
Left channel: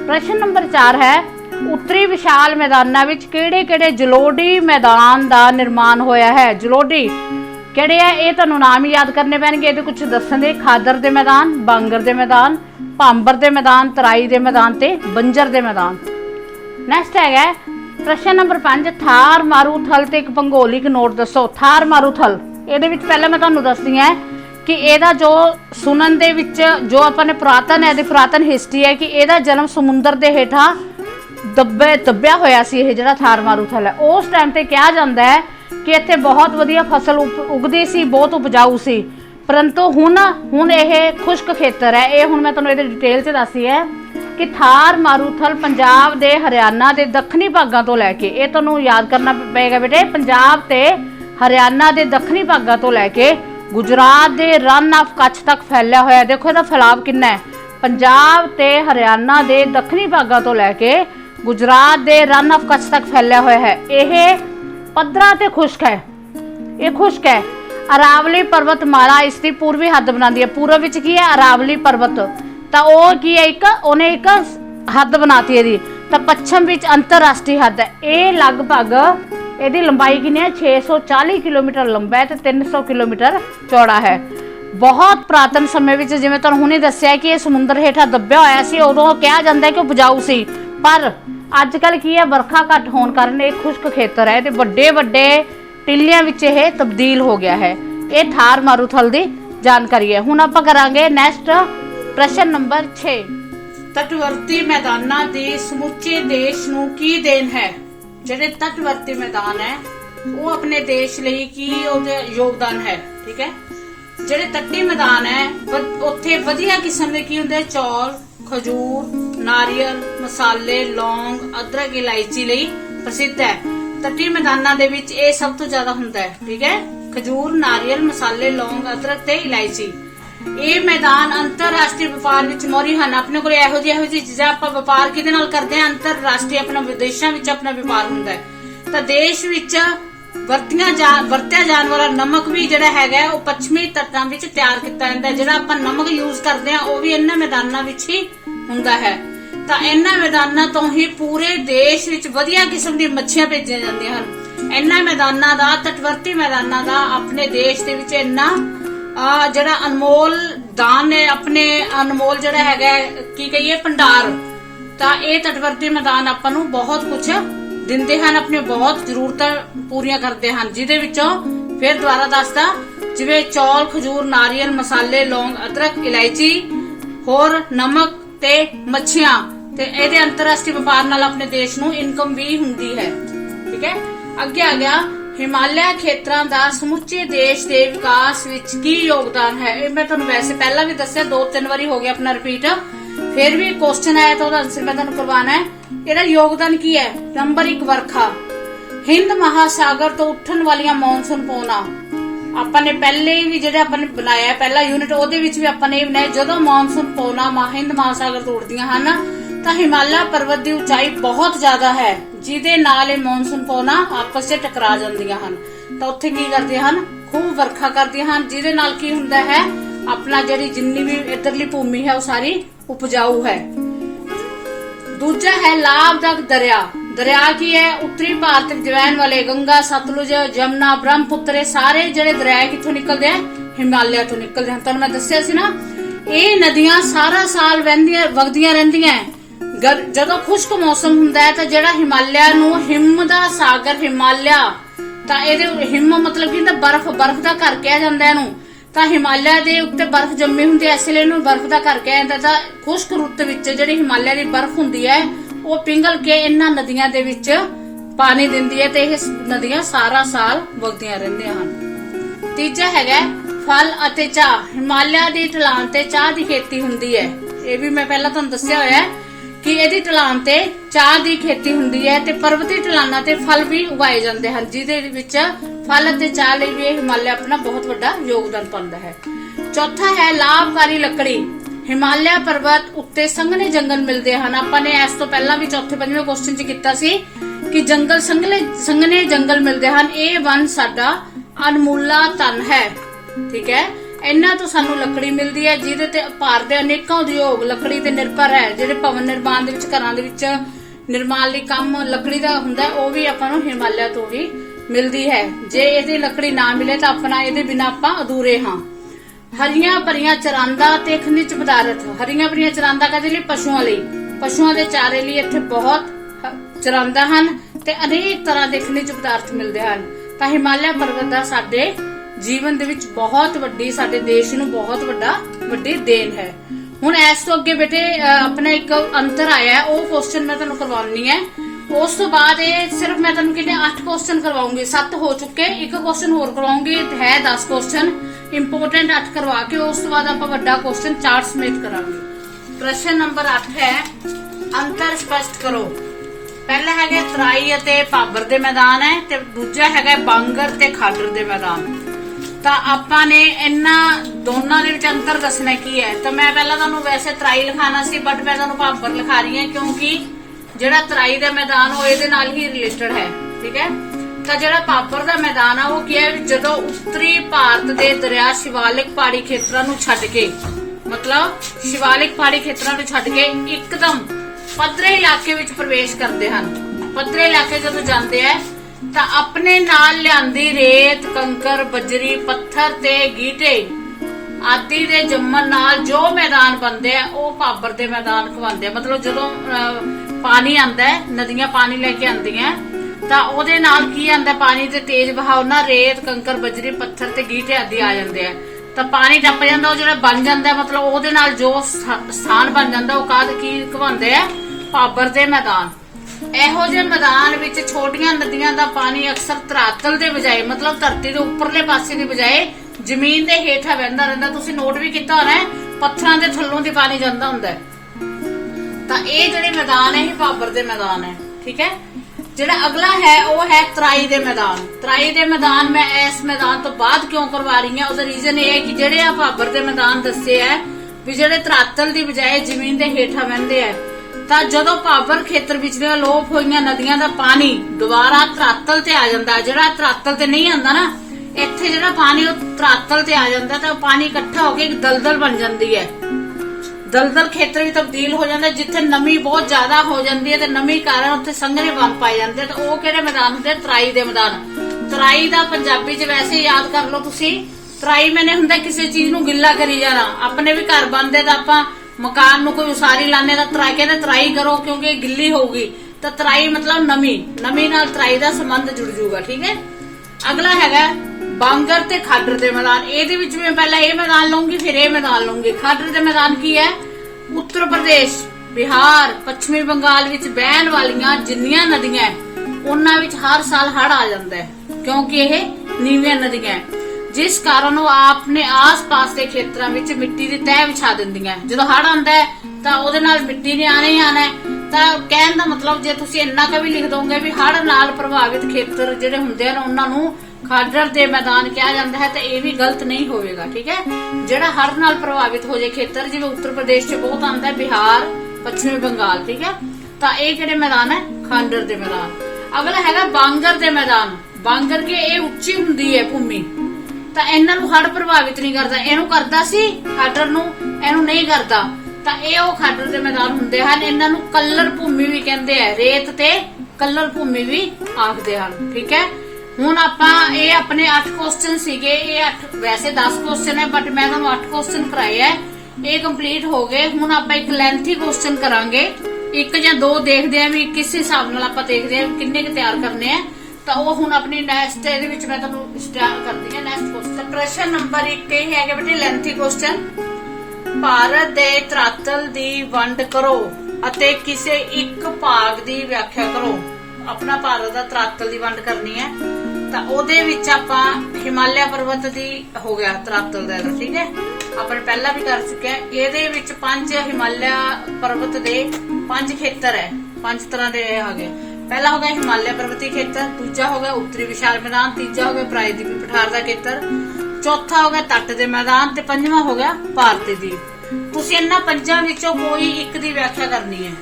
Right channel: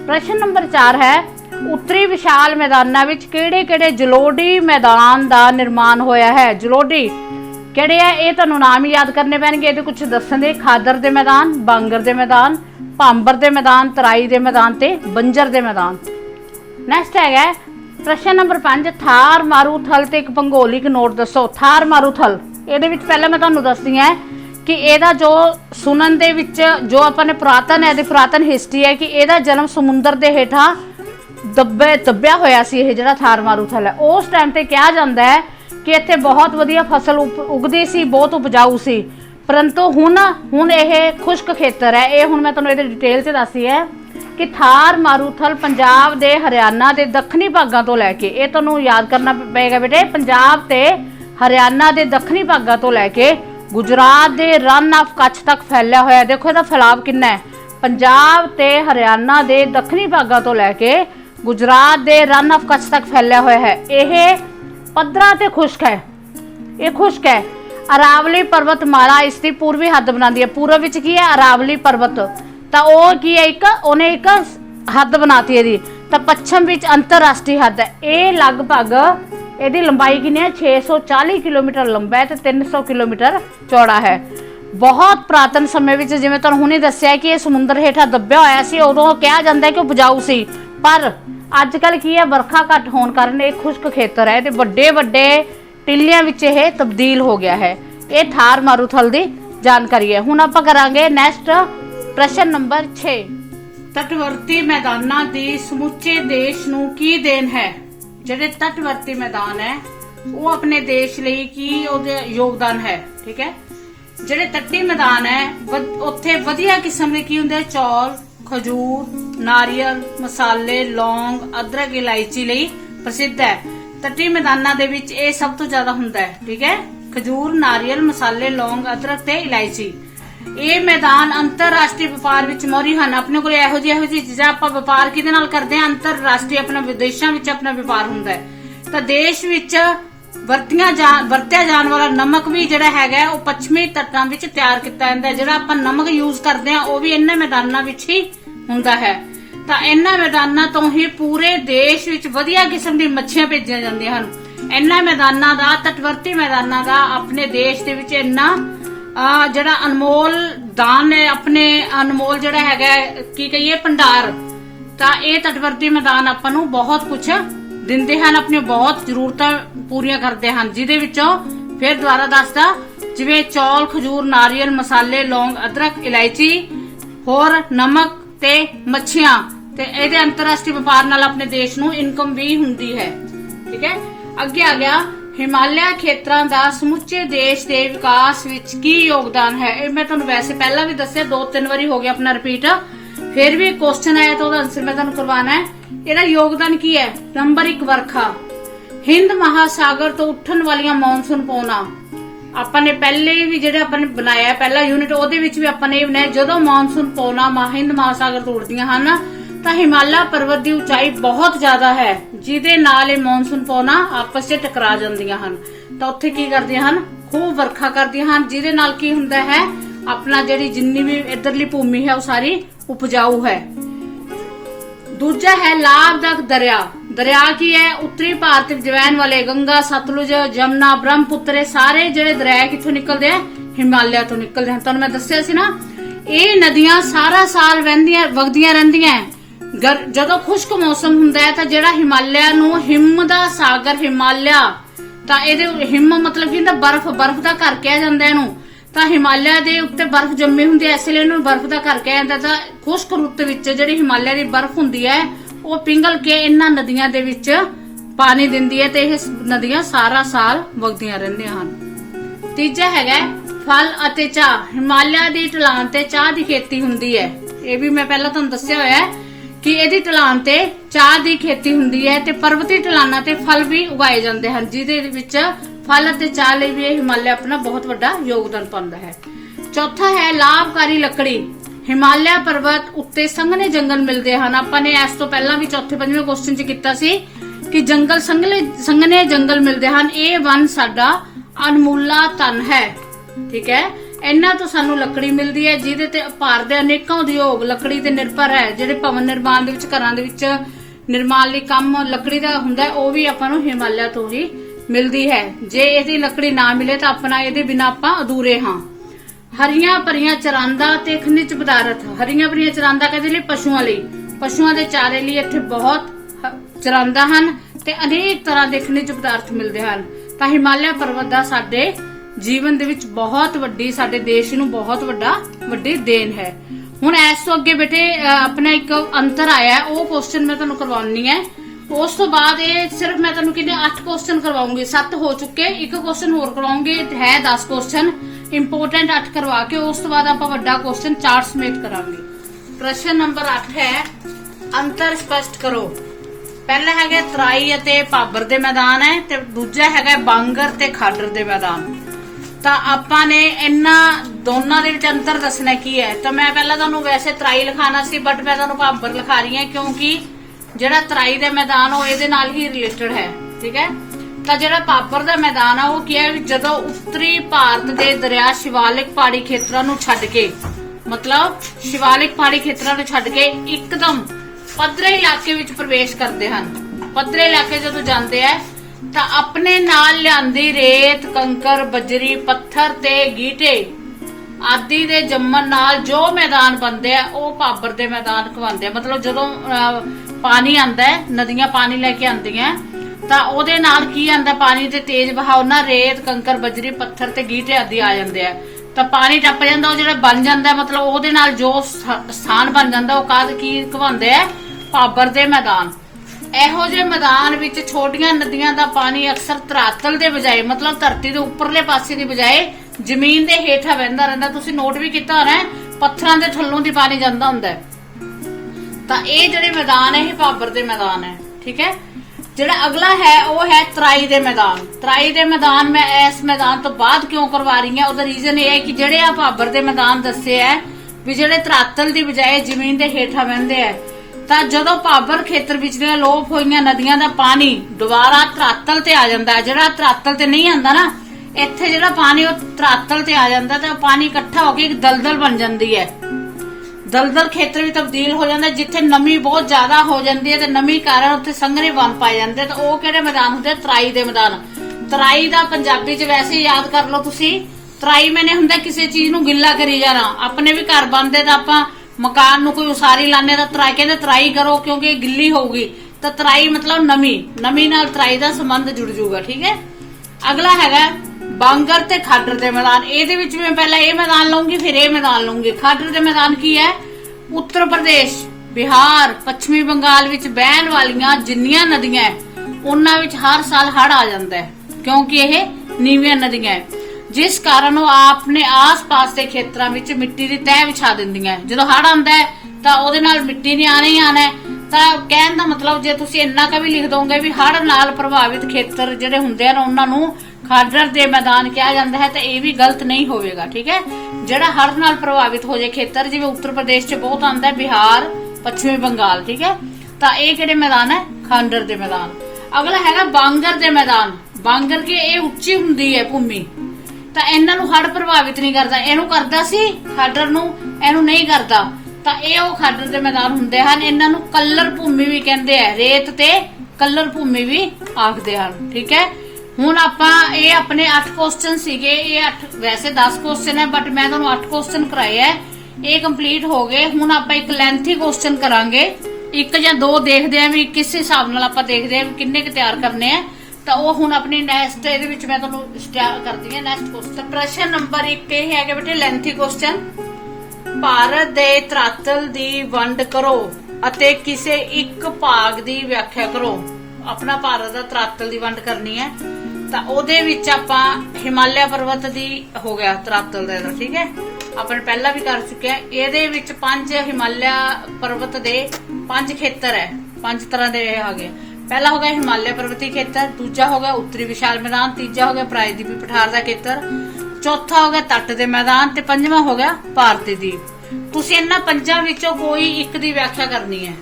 ਪ੍ਰਸ਼ਨ ਨੰਬਰ 4 ਹੈ, ਉੱਤਰੀ ਵਿਸ਼ਾਲ ਮੈਦਾਨਾਂ ਵਿੱਚ ਕਿਹੜੇ ਜਲੋਢੀ ਮੈਦਾਨ ਦਾ ਨਿਰਮਾਣ ਹੋਇਆ ਹੈ? ਜਲੋਢੀ ਕਿਹੜੇ ਹੈ? ਇਹ ਤੁਹਾਨੂੰ ਨਾਮ ਹੀ ਯਾਦ ਕਰਨੇ ਪੈਣਗੇ। ਇਹਦੇ ਕੁਝ ਦੱਸਣ ਦੇ, ਖਾਦਰ ਦੇ ਮੈਦਾਨ, ਬਾਂਗਰ ਦੇ ਮੈਦਾਨ, ਭਾਂਬਰ ਦੇ ਮੈਦਾਨ, ਤਰਾਈ ਦੇ ਮੈਦਾਨ ਤੇ ਬੰਜਰ ਦੇ ਮੈਦਾਨ। ਨੈਕਸਟ ਹੈਗਾ ਪ੍ਰਸ਼ਨ ਨੰਬਰ 5, ਥਾਰ ਮਾਰੂਥਲ ਤੇ ਇੱਕ ਭੂਗੋਲਿਕ ਨੋਟ ਦੱਸੋ। ਥਾਰ ਮਾਰੂਥਲ, ਇਹਦੇ ਵਿੱਚ ਪਹਿਲਾਂ ਮੈਂ ਤੁਹਾਨੂੰ ਦੱਸਦੀ ਹਾਂ ਕਿ ਇਹਦਾ ਜੋ ਸੁਣਨ ਦੇ ਵਿੱਚ ਜੋ ਆਪਾਂ ਨੇ ਪੁਰਾਤਨ ਹਿਸਟਰੀ ਹੈ ਕਿ ਇਹਦਾ ਜਨਮ ਸਮੁੰਦਰ ਦੇ ਹੇਠਾਂ ਦੱਬਿਆ ਹੋਇਆ ਸੀ। ਇਹ ਜਿਹੜਾ ਥਾਰ ਮਾਰੂਥਲ ਹੈ, ਉਸ ਟਾਈਮ ਤੇ ਕਿਹਾ ਜਾਂਦਾ ਹੈ ਕਿ ਇੱਥੇ ਬਹੁਤ ਵਧੀਆ ਫਸਲ ਉਗਦੀ ਸੀ, ਬਹੁਤ ਉਪਜਾਊ ਸੀ। ਪਰੰਤੂ ਹੁਣ ਇਹ ਖੁਸ਼ਕ ਖੇਤਰ ਹੈ। ਇਹ ਹੁਣ ਮੈਂ ਤੁਹਾਨੂੰ ਇਹਦੇ ਡਿਟੇਲ 'ਚ ਦੱਸੀ ਹੈ ਕਿ ਥਾਰ ਮਾਰੂਥਲ ਪੰਜਾਬ ਦੇ ਹਰਿਆਣਾ ਦੇ ਦੱਖਣੀ ਭਾਗਾਂ ਤੋਂ ਲੈ ਕੇ, ਇਹ ਤੁਹਾਨੂੰ ਯਾਦ ਕਰਨਾ ਪਏਗਾ ਬੇਟੇ, ਪੰਜਾਬ ਤੇ ਹਰਿਆਣਾ ਦੇ ਦੱਖਣੀ ਭਾਗਾਂ ਤੋਂ ਲੈ ਕੇ ਗੁਜਰਾਤ ਦੇ ਰਨ ਆਫ ਕੱਛ ਤੱਕ ਫੈਲਿਆ ਹੋਇਆ। ਦੇਖੋ ਇਹਦਾ ਫੈਲਾਵ ਕਿੰਨਾ ਹੈ। ਪੰਜਾਬ ਤੇ ਹਰਿਆਣਾ ਦੇ ਦੱਖਣੀ ਭਾਗਾਂ ਤੋਂ ਲੈ ਕੇ ਗੁਜਰਾਤ ਦੇ ਰਨ ਆਫ ਕੱਛ ਤੱਕ ਫੈਲਿਆ ਹੋਇਆ ਹੈ। ਇਹ ਪੱਧਰਾ ਤੇ ਖੁਸ਼ਕ ਹੈ। ਇਹ ਖੁਸ਼ਕ ਹੈ। ਅਰਾਵਲੀ ਪਰਬਤਮਾਲਾ ਇਸ ਦੀ ਪੂਰਬੀ ਹੱਦ ਬਣਾਉਂਦੀ ਹੈ। ਪੂਰਬ ਵਿੱਚ ਕੀ ਹੈ? ਅਰਾਵਲੀ ਪਰਬਤ। ਤਾਂ ਉਹ ਕੀ ਹੈ? ਉਹਨੇ ਇੱਕ ਹੱਦ ਬਣਾਤੀ ਇਹਦੀ। ਤਾਂ ਪੱਛਮ ਵਿੱਚ ਅੰਤਰਰਾਸ਼ਟਰੀ ਹੱਦ ਹੈ। ਇਹ ਲਗਭਗ ਇਹਦੀ ਲੰਬਾਈ ਕਿੰਨੀ ਹੈ? 640 ਕਿਲੋਮੀਟਰ ਲੰਬਾ ਹੈ ਤੇ 300 ਕਿਲੋਮੀਟਰ ਚੌੜਾ ਹੈ। ਬਹੁਤ ਪੁਰਾਤਨ ਸਮੇਂ ਵਿੱਚ, ਜਿਵੇਂ ਤੁਹਾਨੂੰ ਹੁਣੇ ਦੱਸਿਆ ਕਿ ਇਹ ਸਮੁੰਦਰ ਹੇਠਾਂ ਦੱਬਿਆ ਹੋਇਆ ਸੀ, ਉਦੋਂ ਕਿਹਾ ਜਾਂਦਾ ਹੈ ਕਿ ਉਪਜਾਊ ਸੀ। ਪਰ ਅੱਜ ਕੱਲ੍ਹ ਕੀ ਹੈ? ਵਰਖਾ ਘੱਟ ਹੋਣ ਕਾਰਨ ਇਹ ਖੁਸ਼ਕ ਖੇਤਰ ਹੈ ਤੇ ਵੱਡੇ ਟਿੱਲਿਆਂ ਵਿੱਚ ਇਹ ਤਬਦੀਲ ਹੋ ਗਿਆ ਹੈ। ਇਹ ਥਾਰ ਮਾਰੂਥਲ ਦੀ ਜਾਣਕਾਰੀ ਹੈ। ਹੁਣ ਆਪਾਂ ਕਰਾਂਗੇ ਨੈਕਸਟ ਪ੍ਰਸ਼ਨ ਨੰਬਰ 6, ਤਟਵਰਤੀ ਮੈਦਾਨਾਂ ਦੀ ਸਮੁੱਚੇ ਦੇਸ਼ ਨੂੰ ਕੀ ਦੇਣ ਹੈ? ਜਿਹੜੇ ਤਟਵਰਤੀ ਮੈਦਾਨ ਹੈ ਉਹ ਆਪਣੇ ਦੇਸ਼ ਲਈ ਕੀ ਉਹਦਾ ਯੋਗਦਾਨ ਹੈ, ਠੀਕ ਹੈ। ਜਿਹੜੇ ਤੱਟੀ ਮੈਦਾਨ ਹੈ ਉੱਥੇ ਵਧੀਆ ਕਿਸਮ ਦੇ ਕੀ ਹੁੰਦੇ? ਚੌਲ, ਖਜੂਰ, ਨਾਰੀਅਲ, ਮਸਾਲੇ, ਲੌਂਗ, ਅਦਰਕ, ਇਲਾਇਚੀ ਲਈ ਪ੍ਰਸਿੱਧ ਹੈ। ਤੱਟੀ ਮੈਦਾਨਾਂ ਦੇ ਵਿੱਚ ਇਹ ਸਭ ਤੋਂ ਜ਼ਿਆਦਾ ਹੁੰਦਾ ਹੈ, ਠੀਕ ਹੈ। ਖਜੂਰ, ਨਾਰੀਅਲ, ਮਸਾਲੇ, ਲੌਂਗ, ਅਦਰਕ ਤੇ ਇਲਾਇਚੀ। ਇਹ ਮੈਦਾਨ ਅੰਤਰਰਾਸ਼ਟਰੀ ਵਪਾਰ ਵਿੱਚ ਮੋਹਰੀ ਹਨ। ਆਪਣੇ ਕੋਲ ਇਹੋ ਜਿਹੀ ਚੀਜ਼ਾਂ, ਆਪਾਂ ਵਪਾਰ ਕਿਹਦੇ ਨਾਲ ਕਰਦੇ ਹਾਂ? ਅੰਤਰਰਾਸ਼ਟਰੀ, ਆਪਣੇ ਵਿਦੇਸ਼ਾਂ ਵਿੱਚ ਆਪਣਾ ਵਪਾਰ ਹੁੰਦਾ ਹੈ। ਤਾਂ ਦੇਸ਼ ਵਿੱਚ ਵਰਤਿਆ ਜਾਣ ਵਾਲਾ ਨਮਕ ਵੀ ਜਿਹੜਾ ਹੈਗਾ ਉਹ ਪੱਛਮੀ ਤੱਟਾਂ ਵਿੱਚ ਤਿਆਰ ਕੀਤਾ ਜਾਂਦਾ ਹੈ। ਜਿਹੜਾ ਆਪਾਂ ਨਮਕ ਯੂਜ਼ ਕਰਦੇ ਹਾਂ ਉਹ ਵੀ ਇਹਨਾਂ ਮੈਦਾਨਾਂ ਵਿੱਚ ਹੀ ਹੁੰਦਾ ਹੈ। ਤਾਂ ਇਹਨਾਂ ਮੈਦਾਨਾਂ ਤੋਂ ਹੀ ਪੂਰੇ ਦੇਸ਼ ਵਿੱਚ ਵਧੀਆ ਕਿਸਮ ਦੀ ਮੱਛੀਆਂ ਭੇਜੀਆਂ ਜਾਂਦੀਆਂ ਹਨ। ਇਹਨਾਂ ਮੈਦਾਨਾਂ ਦਾ, ਤਟਵਰਤੀ ਮੈਦਾਨਾਂ ਦਾ ਆਪਣੇ ਦੇਸ਼ ਦੇ ਵਿੱਚ ਇੰਨਾ ਜਿਹੜਾ ਅਨਮੋਲ ਦਾਨ ਹੈ, ਆਪਣੇ ਅਨਮੋਲ ਜਿਹੜਾ ਹੈਗਾ ਕੀ ਕਹੀਏ ਭੰਡਾਰ। ਤਾਂ ਇਹ ਤਟਵਰਤੀ ਮੈਦਾਨ ਆਪਾਂ ਨੂੰ ਬਹੁਤ ਕੁਝ ਦਿੰਦੇ ਹਨ, ਆਪਣੀਆਂ ਬਹੁਤ ਜ਼ਰੂਰਤਾਂ ਪੂਰੀਆਂ ਕਰਦੇ ਹਨ। ਜਿਹਦੇ ਵਿੱਚੋਂ ਫਿਰ ਦੁਬਾਰਾ ਦੱਸਦਾ, ਜਿਵੇਂ ਚੌਲ, ਖਜੂਰ, ਨਾਰੀਅਲ, ਮਸਾਲੇ, ਲੌਂਗ, ਅਦਰਕ, ਇਲਾਇਚੀ, ਹੋਰ ਨਮਕ ਤੇ ਮੱਛੀਆਂ। ਤੇ ਇਹਦੇ ਅੰਤਰਰਾਸ਼ਟਰੀ ਵਪਾਰ ਨਾਲ ਆਪਣੇ ਦੇਸ਼ ਨੂੰ ਇਨਕਮ ਵੀ ਹੁੰਦੀ ਹੈ, ਠੀਕ ਹੈ। ਅੱਗੇ ਆ ਗਿਆ, ਹਿਮਾਲਿਆ ਖੇਤਰਾਂ ਦਾ ਸਮੁੱਚੇ ਦੇਸ਼ ਦੇ ਵਿਕਾਸ ਵਿੱਚ ਕੀ ਯੋਗਦਾਨ ਹੈ? ਇਹ ਮੈਂ ਤੁਹਾਨੂੰ ਵੈਸੇ ਪਹਿਲਾਂ ਵੀ ਦੱਸਿਆ, 2-3 ਵਾਰੀ ਹੋ ਗਿਆ ਆਪਣਾ ਰਿਪੀਟ। ਫਿਰ ਵੀ ਕੁਐਸਚਨ ਆਇਆ ਤਾਂ ਉਹਦਾ ਆਨਸਰ ਮੈਂ ਤੁਹਾਨੂੰ ਕਰਵਾਉਣਾ ਹੈ। ਇਹਦਾ ਯੋਗਦਾਨ ਕੀ ਹੈ? ਨੰਬਰ 1, ਵਰਖਾ। ਹਿੰਦ ਮਹਾਸਾਗਰ ਤੋਂ ਉੱਠਣ ਵਾਲੀਆਂ ਮੌਨਸੂਨ ਪੌਣਾ। ਆਪਾਂ ਨੇ ਪਹਿਲੇ ਵੀ ਜਿਹੜੇ ਆਪਾਂ ਨੇ ਬਣਾਇਆ ਪਹਿਲਾ ਯੂਨਿਟ, ਉਹਦੇ ਵਿੱਚ ਵੀ ਆਪਾਂ ਨੇ ਇਹ ਬਣਾਇਆ, ਜਦੋਂ ਮੌਨਸੂਨ ਪੌਣਾ ਹਿੰਦ ਮਹਾਸਾਗਰ ਤੋਂ ਉੱਠਦੀਆਂ ਹਨ ਤਾਂ ਹਿਮਾਲਿਆ ਪਰਬਤ ਦੀ ਉਚਾਈ ਬਹੁਤ ਜ਼ਿਆਦਾ ਹੈ, ਜਿਹਦੇ ਨਾਲ ਇਹ ਮੌਨਸੂਨ ਪੌਣਾ ਆਪਸ ਵਿੱਚ ਟਕਰਾ ਜਾਂਦੀਆਂ ਹਨ। ਤਾਂ ਉੱਥੇ ਕੀ ਕਰਦੀਆਂ ਹਨ? ਖੂਬ ਵਰਖਾ ਕਰਦੀਆਂ ਹਨ, ਜਿਹਦੇ ਨਾਲ ਕੀ ਹੁੰਦਾ ਹੈ? ਆਪਣਾ ਜਿਹੜੀ ਜਿੰਨੀ ਵੀ ਇਧਰਲੀ ਭੂਮੀ ਹੈ ਉਹ ਸਾਰੀ ਉਪਜਾਊ ਹੈ। ਦੂਜਾ ਹੈ ਲਾਭਦਾਇਕ ਦਰਿਆ ਕੀ ਹੈ? ਉੱਤਰੀ ਭਾਰਤ ਵਿੱਚ ਵਹਿਣ ਵਾਲੇ ਗੰਗਾ, ਸਤਲੁਜ, ਜਮਨਾ, ਬ੍ਰਹਮਪੁੱਤਰ, ਇਹ ਸਾਰੇ ਜਿਹੜੇ ਦਰਿਆ ਕਿੱਥੋਂ ਨਿਕਲਦੇ ਆ? ਹਿਮਾਲਿਆ ਤੋਂ ਨਿਕਲਦੇ ਹਨ। ਤੁਹਾਨੂੰ ਮੈਂ ਦੱਸਿਆ ਸੀ ਨਾ, ਇਹ ਨਦੀਆਂ ਸਾਰਾ ਸਾਲ ਵਗਦੀਆਂ ਰਹਿੰਦੀਆਂ। ਜਦੋਂ ਖੁਸ਼ਕ ਮੌਸਮ ਹੁੰਦਾ ਹੈ ਤਾਂ ਜਿਹੜਾ ਹਿਮਾਲਿਆ ਨੂੰ ਹਿਮ ਦਾ ਸਾਗਰ ਹਿਮਾਲਿਆ, ਤਾਂ ਇਹਦੇ ਹਿਮ ਮਤਲਬ ਕੀ ਹੁੰਦਾ? ਬਰਫ਼ ਦਾ ਘਰ ਕਿਹਾ ਜਾਂਦਾ ਇਹਨੂੰ। ਤਾਂ ਹਿਮਾਲਿਆ ਦੇ ਉੱਤੇ ਬਰਫ਼ ਜੰਮੀ ਹੁੰਦੀ ਹੈ, ਇਸ ਲਈ ਇਹਨੂੰ ਬਰਫ਼ ਦਾ ਘਰ ਕਿਹਾ ਜਾਂਦਾ। ਤਾਂ ਖੁਸ਼ਕ ਰੁੱਤ ਵਿੱਚ ਜਿਹੜੀ ਹਿਮਾਲਿਆ ਦੀ ਬਰਫ਼ ਹੁੰਦੀ ਹੈ ਉਹ ਪਿੰਗਲ ਕੇ ਇਹਨਾਂ ਨਦੀਆਂ ਦੇ ਵਿੱਚ ਪਾਣੀ ਦਿੰਦੀ ਹੈ ਤੇ ਇਹ ਨਦੀਆਂ ਸਾਰਾ ਸਾਲ ਵਗਦੀਆਂ ਰਹਿੰਦੀਆਂ ਹਨ। ਤੀਜਾ ਹੈਗਾ ਫਲ ਅਤੇ ਚਾਹ। ਹਿਮਾਲਿਆ ਦੀ ਢਲਾਨ ਤੇ ਚਾਹ ਦੀ ਖੇਤੀ ਹੁੰਦੀ ਹੈ। ਇਹ ਵੀ ਮੈਂ ਪਹਿਲਾਂ ਤੁਹਾਨੂੰ ਦੱਸਿਆ ਹੋਇਆ ਹੈ ਕਿ ਇਹਦੀ ਢਲਾਨ ਤੇ ਚਾਹ ਦੀ ਖੇਤੀ ਹੁੰਦੀ ਹੈ ਤੇ ਪਰਬਤੀ ਢਲਾਨਾਂ ਤੇ ਫਲ ਵੀ ਉਗਾਏ ਜਾਂਦੇ ਹਨ, ਜਿਹਦੇ ਵਿੱਚ ਫਲ ਅਤੇ ਚਾਹ ਲਈ ਵੀ ਇਹ ਹਿਮਾਲਿਆ ਆਪਣਾ ਬਹੁਤ ਵੱਡਾ ਯੋਗਦਾਨ ਪਾਉਂਦਾ ਹੈ। ਚੌਥਾ ਹੈ ਲਾਭਕਾਰੀ ਲੱਕੜੀ। ਹਿਮਾਲਿਆ ਪਰਬਤ ਉੱਤੇ ਸੰਘਣੇ ਜੰਗਲ ਮਿਲਦੇ ਹਨ। ਆਪਾਂ ਨੇ ਇਸ ਤੋਂ ਪਹਿਲਾਂ ਵੀ ਚੌਥੇ ਪੰਜਵੇਂ ਕੁਐਸਚਨ 'ਚ ਕੀਤਾ ਸੀ ਕਿ ਜੰਗਲ ਸੰਘਣੇ ਜੰਗਲ ਮਿਲਦੇ ਹਨ। ਇਹ ਵਨ ਸਾਡਾ ਅਨਮੁੱਲਾ ਧਨ ਹੈ, ਠੀਕ ਹੈ। ਇਹਨਾਂ ਤੋਂ ਸਾਨੂੰ ਲੱਕੜੀ ਮਿਲਦੀ ਹੈ, ਜਿਹਦੇ ਤੇ ਭਾਰਤ ਦੇ ਅਨੇਕਾਂ ਉਦਯੋਗ ਲੱਕੜੀ ਤੇ ਨਿਰਭਰ ਹੈ। ਜਿਹੜੇ ਭਵਨ ਨਿਰਮਾਣ ਦੇ ਵਿੱਚ, ਘਰਾਂ ਦੇ ਵਿੱਚ ਨਿਰਮਾਣ ਲਈ ਕੰਮ ਲੱਕੜੀ ਦਾ ਹੁੰਦਾ, ਉਹ ਵੀ ਆਪਾਂ ਨੂੰ ਹਿਮਾਲਿਆ ਤੋਂ ਹੀ ਮਿਲਦੀ ਹੈ। ਜੇ ਇਹਦੀ ਲੱਕੜੀ ਨਾ ਮਿਲੇ ਤਾਂ ਆਪਣਾ ਇਹਦੇ ਬਿਨਾਂ ਆਪਾਂ ਅਧੂਰੇ ਹਾਂ। ਹਰੀਆਂ ਭਰੀਆਂ ਚਰਾਂਦਾ ਤੇ ਖਣਿਜ ਪਦਾਰਥ। ਹਰੀਆਂ ਭਰੀਆਂ ਚਰਾਂਦਾ ਕਹਿੰਦੇ ਲਈ ਪਸ਼ੂਆਂ ਲਈ, ਪਸ਼ੂਆਂ ਦੇ ਚਾਰੇ ਲਈ ਇੱਥੇ ਬਹੁਤ ਚਰਾਂਦਾ ਹਨ ਤੇ ਅਨੇਕ ਤਰ੍ਹਾਂ ਦੇ ਖਣਿਜ ਪਦਾਰਥ ਮਿਲਦੇ ਹਨ। ਤਾਂ ਹਿਮਾਲਿਆ ਪਰਬਤ ਦਾ ਸਾਡੇ ਜੀਵਨ ਦੇ ਵਿੱਚ ਬਹੁਤ ਵੱਡੀ, ਸਾਡੇ ਦੇਸ਼ ਨੂੰ ਬਹੁਤ ਵੱਡੀ ਦੇਣ ਹੈ। ਹੁਣ ਇਸ ਤੋਂ ਅੱਗੇ ਬੇਟੇ ਆਪਣਾ ਇੱਕ ਅੰਤਰ ਆਇਆ, ਉਹ ਕੁਐਸਚਨ ਮੈਂ ਤੁਹਾਨੂੰ ਕਰਵਾਉਣੀ ਹੈ। ਉਸ ਤੋਂ ਬਾਅਦ ਇਹ ਸਿਰਫ ਮੈਂ ਤੁਹਾਨੂੰ ਕਿੰਨੇ 8 ਕੁਐਸਚਨ ਕਰਵਾਉਂਗੀ, 7 ਹੋ ਚੁੱਕੇ, ਇੱਕ ਕੁਐਸਚਨ ਹੋਰ ਕਰਵਾਉਂਗੀ, ਹੈ 10 ਕੁਐਸਚਨ ਇੰਪੋਰਟੈਂਟ 8 ਕਰਵਾ ਕੇ ਉਸ ਤੋਂ ਬਾਅਦ ਆਪਾਂ ਵੱਡਾ ਕੁਐਸਚਨ ਚਾਰਟ ਸਮੇਤ ਕਰਾਂਗੇ। ਪ੍ਰਸ਼ਨ ਨੰਬਰ 8 ਹੈ, ਅੰਤਰ ਸਪਸ਼ਟ ਕਰੋ। ਪਹਿਲਾ ਹੈਗਾ ਤਰਾਈ ਅਤੇ ਭਾਬਰ ਦੇ ਮੈਦਾਨ ਹੈ ਤੇ ਦੂਜਾ ਹੈਗਾ ਬਾਂਗਰ ਤੇ ਖਾਡਰ ਦੇ ਮੈਦਾਨ। ਤਾਂ ਆਪਾਂ ਨੇ ਇਹਨਾਂ ਦੋਨਾਂ ਦੇ ਵਿੱਚ ਅੰਤਰ ਦੱਸਣਾ ਕੀ ਹੈ। ਤਾਂ ਮੈਂ ਪਹਿਲਾਂ ਤੁਹਾਨੂੰ ਵੈਸੇ ਤਰਾਈ ਲਿਖਾਣਾ ਸੀ, ਬਟ ਮੈਂ ਤੁਹਾਨੂੰ ਭਾਬਰ ਲਿਖਾ ਰਹੀ ਹਾਂ ਕਿਉਂਕਿ ਜਿਹੜਾ ਤਰਾਈ ਦਾ ਮੈਦਾਨ ਉਹ ਇਹਦੇ ਨਾਲ ਹੀ ਰਿਲੇਟਡ ਹੈ, ਠੀਕ ਹੈ। ਤਾਂ ਜਿਹੜਾ ਭਾਬਰ ਦਾ ਮੈਦਾਨ ਆ ਉਹ ਕੀ ਹੈ, ਜਦੋਂ ਉੱਤਰੀ ਭਾਰਤ ਦੇ ਦਰਿਆ ਸ਼ਿਵਾਲਿਕ ਪਹਾੜੀ ਖੇਤਰਾਂ ਨੂੰ ਛੱਡ ਕੇ, ਮਤਲਬ ਸ਼ਿਵਾਲਿਕ ਪਹਾੜੀ ਖੇਤਰਾਂ ਨੂੰ ਛੱਡ ਕੇ ਇੱਕਦਮ ਪੱਧਰੇ ਇਲਾਕੇ ਵਿੱਚ ਪ੍ਰਵੇਸ਼ ਕਰਦੇ ਹਨ। ਪੱਧਰੇ ਇਲਾਕੇ ਜਦੋਂ ਜਾਂਦੇ ਆ ਤਾਂ ਆਪਣੇ ਨਾਲ ਲਿਆਂਦੀ ਰੇਤ, ਕੰਕਰ, ਬਜਰੀ, ਪੱਥਰ ਤੇ ਗੀਟੇ ਆਦਿ ਦੇ ਜੰਮਣ ਨਾਲ ਜੋ ਮੈਦਾਨ ਬਣਦੇ ਆ ਉਹ ਭਾਬਰ ਦੇ ਮੈਦਾਨ ਕਹਾਉਂਦੇ ਆ। ਮਤਲਬ ਜਦੋਂ ਪਾਣੀ ਆਂਦਾ ਹੈ, ਨਦੀਆਂ ਪਾਣੀ ਲੈ ਕੇ ਆਉਂਦੀਆਂ ਤਾਂ ਉਹਦੇ ਨਾਲ ਕੀ ਆਂਦਾ, ਪਾਣੀ ਦੇ ਤੇਜ਼ ਵਹਾਅ ਨਾਲ ਰੇਤ, ਕੰਕਰ, ਬਜਰੀ, ਪੱਥਰ ਤੇ ਗੀਟੇ ਆਦਿ ਆ ਜਾਂਦੇ ਆ। ਤਾਂ ਪਾਣੀ ਟੱਪ ਜਾਂਦਾ, ਉਹ ਜਿਹੜਾ ਬਣ ਜਾਂਦਾ, ਮਤਲਬ ਉਹਦੇ ਨਾਲ ਜੋ ਸਥਾਨ ਬਣ ਜਾਂਦਾ ਉਹ ਕਾਦ ਕੀ ਕਹਾਉਂਦੇ ਆ, ਭਾਬਰ ਦੇ ਮੈਦਾਨ। ਇਹੋ ਜਿਹੇ ਮੈਦਾਨ ਵਿੱਚ ਛੋਟੀਆਂ ਨਦੀਆਂ ਦਾ ਪਾਣੀ ਅਕਸਰ ਧਰਾਤਲ ਦੇ ਬਜਾਏ, ਮਤਲਬ ਧਰਤੀ ਦੇ ਉੱਪਰਲੇ ਪਾਸੇ ਦੀ ਬਜਾਏ ਜ਼ਮੀਨ ਦੇ ਹੇਠਾਂ ਵਹਿੰਦਾ ਰਹਿੰਦਾ। ਤੁਸੀਂ ਨੋਟ ਵੀ ਕੀਤਾ ਹੋਣਾ, ਪੱਥਰਾਂ ਦੇ ਥੱਲੋਂ ਦੀ ਪਾਣੀ ਜਾਂਦਾ ਹੁੰਦਾ। ਤਾਂ ਇਹ ਜਿਹੜੇ ਮੈਦਾਨ ਹੈ ਇਹ ਭਾਬਰ ਦੇ ਮੈਦਾਨ ਹੈ, ਠੀਕ ਹੈ। ਜਿਹੜਾ ਅਗਲਾ ਹੈ ਉਹ ਹੈ ਤਰਾਈ ਦੇ ਮੈਦਾਨ। ਤਰਾਈ ਦੇ ਮੈਦਾਨ ਮੈਂ ਇਸ ਮੈਦਾਨ ਤੋਂ ਬਾਅਦ ਕਿਉਂ ਕਰਵਾ ਰਹੀ ਹਾਂ, ਉਹਦਾ ਰੀਜ਼ਨ ਇਹ ਹੈ ਕਿ ਜਿਹੜੇ ਆ ਭਾਬਰ ਦੇ ਮੈਦਾਨ ਦੱਸੇ ਹੈ ਵੀ ਜਿਹੜੇ ਧਰਾਤਲ ਦੀ ਬਜਾਏ ਜ਼ਮੀਨ ਦੇ ਹੇਠਾਂ ਵਹਿੰਦੇ ਆ, ਤਾਂ ਜਦੋਂ ਭਾਬਰ ਖੇਤਰ ਵਿਚਲੀਆਂ ਲੋਪ ਹੋਈਆਂ ਨਦੀਆਂ ਦਾ ਪਾਣੀ ਦੁਬਾਰਾ ਧਰਾਤਲ ਤੇ ਆ ਜਾਂਦਾ, ਜਿਹੜਾ ਧਰਾਤਲ ਤੇ ਨਹੀਂ ਆਉਂਦਾ ਨਾ, ਇੱਥੇ ਜਿਹੜਾ ਪਾਣੀ ਉਹ ਧਰਾਤਲ ਤੇ ਆ ਜਾਂਦਾ ਤਾਂ ਪਾਣੀ ਇਕੱਠਾ ਹੋ ਕੇ ਇੱਕ ਦਲਦਲ ਬਣ ਜਾਂਦੀ ਹੈ। ਦਲਦਲ ਖੇਤਰ ਵਿੱਚ ਤਬਦੀਲ ਹੋ ਜਾਂਦਾ, ਜਿੱਥੇ ਨਮੀ ਬਹੁਤ ਜ਼ਿਆਦਾ ਹੋ ਜਾਂਦੀ ਹੈ ਤੇ ਨਮੀ ਕਾਰਨ ਉੱਥੇ ਸੰਘਣੇ ਵਣ ਪਾਏ ਜਾਂਦੇ। ਤਾਂ ਉਹ ਕਿਹੜੇ ਮੈਦਾਨ ਹੁੰਦੇ, ਤਰਾਈ ਦੇ ਮੈਦਾਨ। ਤਰਾਈ ਦਾ ਪੰਜਾਬੀ 'ਚ ਵੈਸੇ ਯਾਦ ਕਰ ਲਓ ਤੁਸੀਂ, ਤਰਾਈ ਮੈਨੇ ਹੁੰਦਾ ਕਿਸੇ ਚੀਜ਼ ਨੂੰ ਗਿੱਲਾ ਕਰੀ ਜਾਣਾ। ਆਪਣੇ ਵੀ ਘਰ ਬਣਦੇ ਤਾਂ ਆਪਾਂ ਮਕਾਨ ਨੂੰ ਕੋਈ ਉਸਾਰੀ ਲਾਣੇ ਤਾਂ ਤਰਾਈ ਕਹਿੰਦੇ ਤਰਾਈ ਕਰੋ ਕਿਉਂਕਿ ਗਿੱਲੀ ਹੋਊਗੀ। ਤਾਂ ਤਰਾਈ ਮਤਲਬ ਨਮੀ, ਨਮੀ ਨਾਲ ਤਰਾਈ ਦਾ ਸੰਬੰਧ ਜੁੜ ਜਾਊਗਾ, ਠੀਕ ਹੈ। ਅਗਲਾ ਹੈਗਾ ਬਾਂਗਰ ਤੇ ਖਾਡਰ ਦੇ ਮੈਦਾਨ। ਇਹਦੇ ਵਿੱਚ ਵੀ ਮੈਂ ਪਹਿਲਾਂ ਇਹ ਮੈਦਾਨ ਲਵਾਂਗੀ ਫਿਰ ਇਹ ਮੈਦਾਨ ਲਵਾਂਗੀ। ਖਾਡਰ ਦੇ ਮੈਦਾਨ ਕੀ ਹੈ, ਉੱਤਰ ਪ੍ਰਦੇਸ਼, ਬਿਹਾਰ, ਪੱਛਮੀ ਬੰਗਾਲ ਵਿੱਚ ਬਹਿਣ ਵਾਲੀਆਂ ਜਿੰਨੀਆਂ ਨਦੀਆਂ ਉਹਨਾਂ ਵਿੱਚ ਹਰ ਸਾਲ ਹੜ੍ਹ ਆ ਜਾਂਦਾ ਹੈ ਕਿਉਂਕਿ ਇਹ ਨੀਵੀਆਂ ਨਦੀਆਂ ਜਿਸ ਕਾਰਨ ਉਹ ਆਪਣੇ ਆਸ-ਪਾਸ ਦੇ ਖੇਤਰਾਂ ਵਿੱਚ ਮਿੱਟੀ ਦੀ ਤਹਿ ਵਿਛਾ ਦਿੰਦੀਆਂ। ਜਦੋਂ ਹੜ੍ਹ ਆਉਂਦਾ ਤਾਂ ਉਹਦੇ ਨਾਲ ਮਿੱਟੀ ਨੇ ਆਣਾ ਹੀ ਆਣਾ। ਤਾਂ ਕਹਿਣ ਦਾ ਮਤਲਬ ਜੇ ਤੁਸੀਂ ਇੰਨਾ ਕੁ ਵੀ ਲਿਖ ਦੋਗੇ ਵੀ ਹੜ੍ਹ ਨਾਲ ਪ੍ਰਭਾਵਿਤ ਖੇਤਰ ਜਿਹੜੇ ਹੁੰਦੇ ਹਨ ਉਹਨਾਂ ਨੂੰ ਖਾਡਰ ਦੇ ਮੈਦਾਨ ਕਿਹਾ ਜਾਂਦਾ ਹੈ, ਤਾਂ ਇਹ ਵੀ ਗਲਤ ਨਹੀਂ ਹੋਵੇਗਾ, ਠੀਕ ਹੈ। ਜਿਹੜਾ ਹੜ੍ਹ ਨਾਲ ਪ੍ਰਭਾਵਿਤ ਹੋ ਜੇ ਖੇਤਰ, ਜਿਵੇਂ ਉੱਤਰ ਪ੍ਰਦੇਸ਼ 'ਚ ਬਹੁਤ ਆਉਂਦਾ, ਬਿਹਾਰ, ਪੱਛਮੀ ਬੰਗਾਲ, ਠੀਕ ਹੈ। ਤਾਂ ਇਹ ਕਿਹੜੇ ਮੈਦਾਨ ਹੈ, ਖਾਡਰ ਦੇ ਮੈਦਾਨ। ਅਗਲਾ ਹੈਗਾ ਬਾਂਗਰ ਦੇ ਮੈਦਾਨ। ਬਾਂਗਰ ਕੇ ਇਹ ਉੱਚੀ ਹੁੰਦੀ ਹੈ ਭੂਮੀ, ਤਾਂ ਇਹਨਾਂ ਨੂੰ ਹੜ੍ਹ ਪ੍ਰਭਾਵਿਤ ਨਹੀਂ ਕਰਦਾ। ਇਹਨੂੰ ਕਰਦਾ ਸੀ ਖਾਡਰ ਨੂੰ, ਇਹਨੂੰ ਨਹੀਂ ਕਰਦਾ। ਤਾਂ ਇਹ ਉਹ ਖਾਡਰ ਦੇ ਮੈਦਾਨ ਹੁੰਦੇ ਹਨ। ਇਹਨਾਂ ਨੂੰ ਕੱਲਰ ਭੂਮੀ ਵੀ ਕਹਿੰਦੇ ਆ, ਰੇਤ ਤੇ ਕੱਲਰ ਭੂਮੀ ਵੀ ਆਖਦੇ ਹਨ, ਠੀਕ ਹੈ। ਹੁਣ ਆਪਾਂ ਇਹ ਆਪਣੇ 8 ਕੁਐਸਚਨ ਸੀਗੇ, ਇਹ 8 ਵੈਸੇ 10 ਕੁਐਸਚਨ ਹੈ ਬਟ ਮੈਂ ਤੁਹਾਨੂੰ 8 ਕੁਐਸਚਨ ਕਰਾਏ ਹੈ, ਇਹ ਕੰਪਲੀਟ ਹੋ ਗਏ। ਹੁਣ ਆਪਾਂ ਇੱਕ ਲੈਂਥੀ ਕੁਐਸਚਨ ਕਰਾਂਗੇ, ਇੱਕ ਜਾਂ ਦੋ ਦੇਖਦੇ ਆਂ ਵੀ ਕਿਸ ਹਿਸਾਬ ਨਾਲ ਆਪਾਂ ਦੇਖਦੇ ਆਂ ਕਿੰਨੇ ਕੁ ਤਿਆਰ ਕਰਨੇ ਆ। ਤਾਂ ਉਹ ਹੁਣ ਆਪਣੀ ਨੈਕਸਟ ਇਹਦੇ ਵਿੱਚ ਮੈਂ ਤੁਹਾਨੂੰ ਸਟਾਰਟ ਕਰਦੀ ਹਾਂ। ਨੈਕਸਟ ਕੁਐਸਚਨ, ਪ੍ਰਸ਼ਨ ਨੰਬਰ 1 ਇਹ ਹੈ ਕਿ ਬੇਟੇ ਲੈਂਥੀ ਕੁਐਸਚਨ, ਭਾਰਤ ਦੇ ਧਰਾਤਲ ਦੀ ਵੰਡ ਕਰੋ ਅਤੇ ਕਿਸੇ ਇੱਕ ਭਾਗ ਦੀ ਵਿਆਖਿਆ ਕਰੋ। ਆਪਣਾ ਭਾਰਤ ਦਾ ਧਰਾਤਲ ਦੀ ਵੰਡ ਕਰਨੀ ਹੈ ਤਾਂ ਉਹਦੇ ਵਿੱਚ ਆਪਾਂ ਹਿਮਾਲਿਆ ਪਰਬਤ ਦੀ ਹੋ ਗਿਆ ਧਰਾਤਲ ਦਾ, ਠੀਕ ਹੈ। ਆਪਾਂ ਪਹਿਲਾਂ ਵੀ ਕਰ ਚੁੱਕੇ ਆ। ਇਹਦੇ ਵਿੱਚ 5 ਹਿਮਾਲਿਆ ਪਰਬਤ ਦੇ 5 ਖੇਤਰ ਹੈ, 5 ਤਰ੍ਹਾਂ ਦੇ ਹੈਗੇ। ਪਹਿਲਾ ਹੋ ਗਿਆ ਹਿਮਾਲਿਆ ਪਰਬਤੀ ਖੇਤਰ, ਦੂਜਾ ਹੋ ਗਿਆ ਉੱਤਰੀ ਵਿਸ਼ਾਲ ਮੈਦਾਨ, ਤੀਜਾ ਹੋ ਗਿਆ ਪ੍ਰਾਇਦੀਪੀ ਪਠਾਰ ਦਾ ਖੇਤਰ, ਚੌਥਾ ਹੋ ਗਿਆ ਤੱਟ ਦੇ ਮੈਦਾਨ ਤੇ ਪੰਜਵਾਂ ਹੋ ਗਿਆ ਭਾਰਤੀ ਦੀਪ। ਤੁਸੀਂ ਇਹਨਾਂ ਪੰਜਾਂ ਵਿੱਚੋਂ ਕੋਈ ਇੱਕ ਦੀ ਵਿਆਖਿਆ ਕਰਨੀ ਹੈ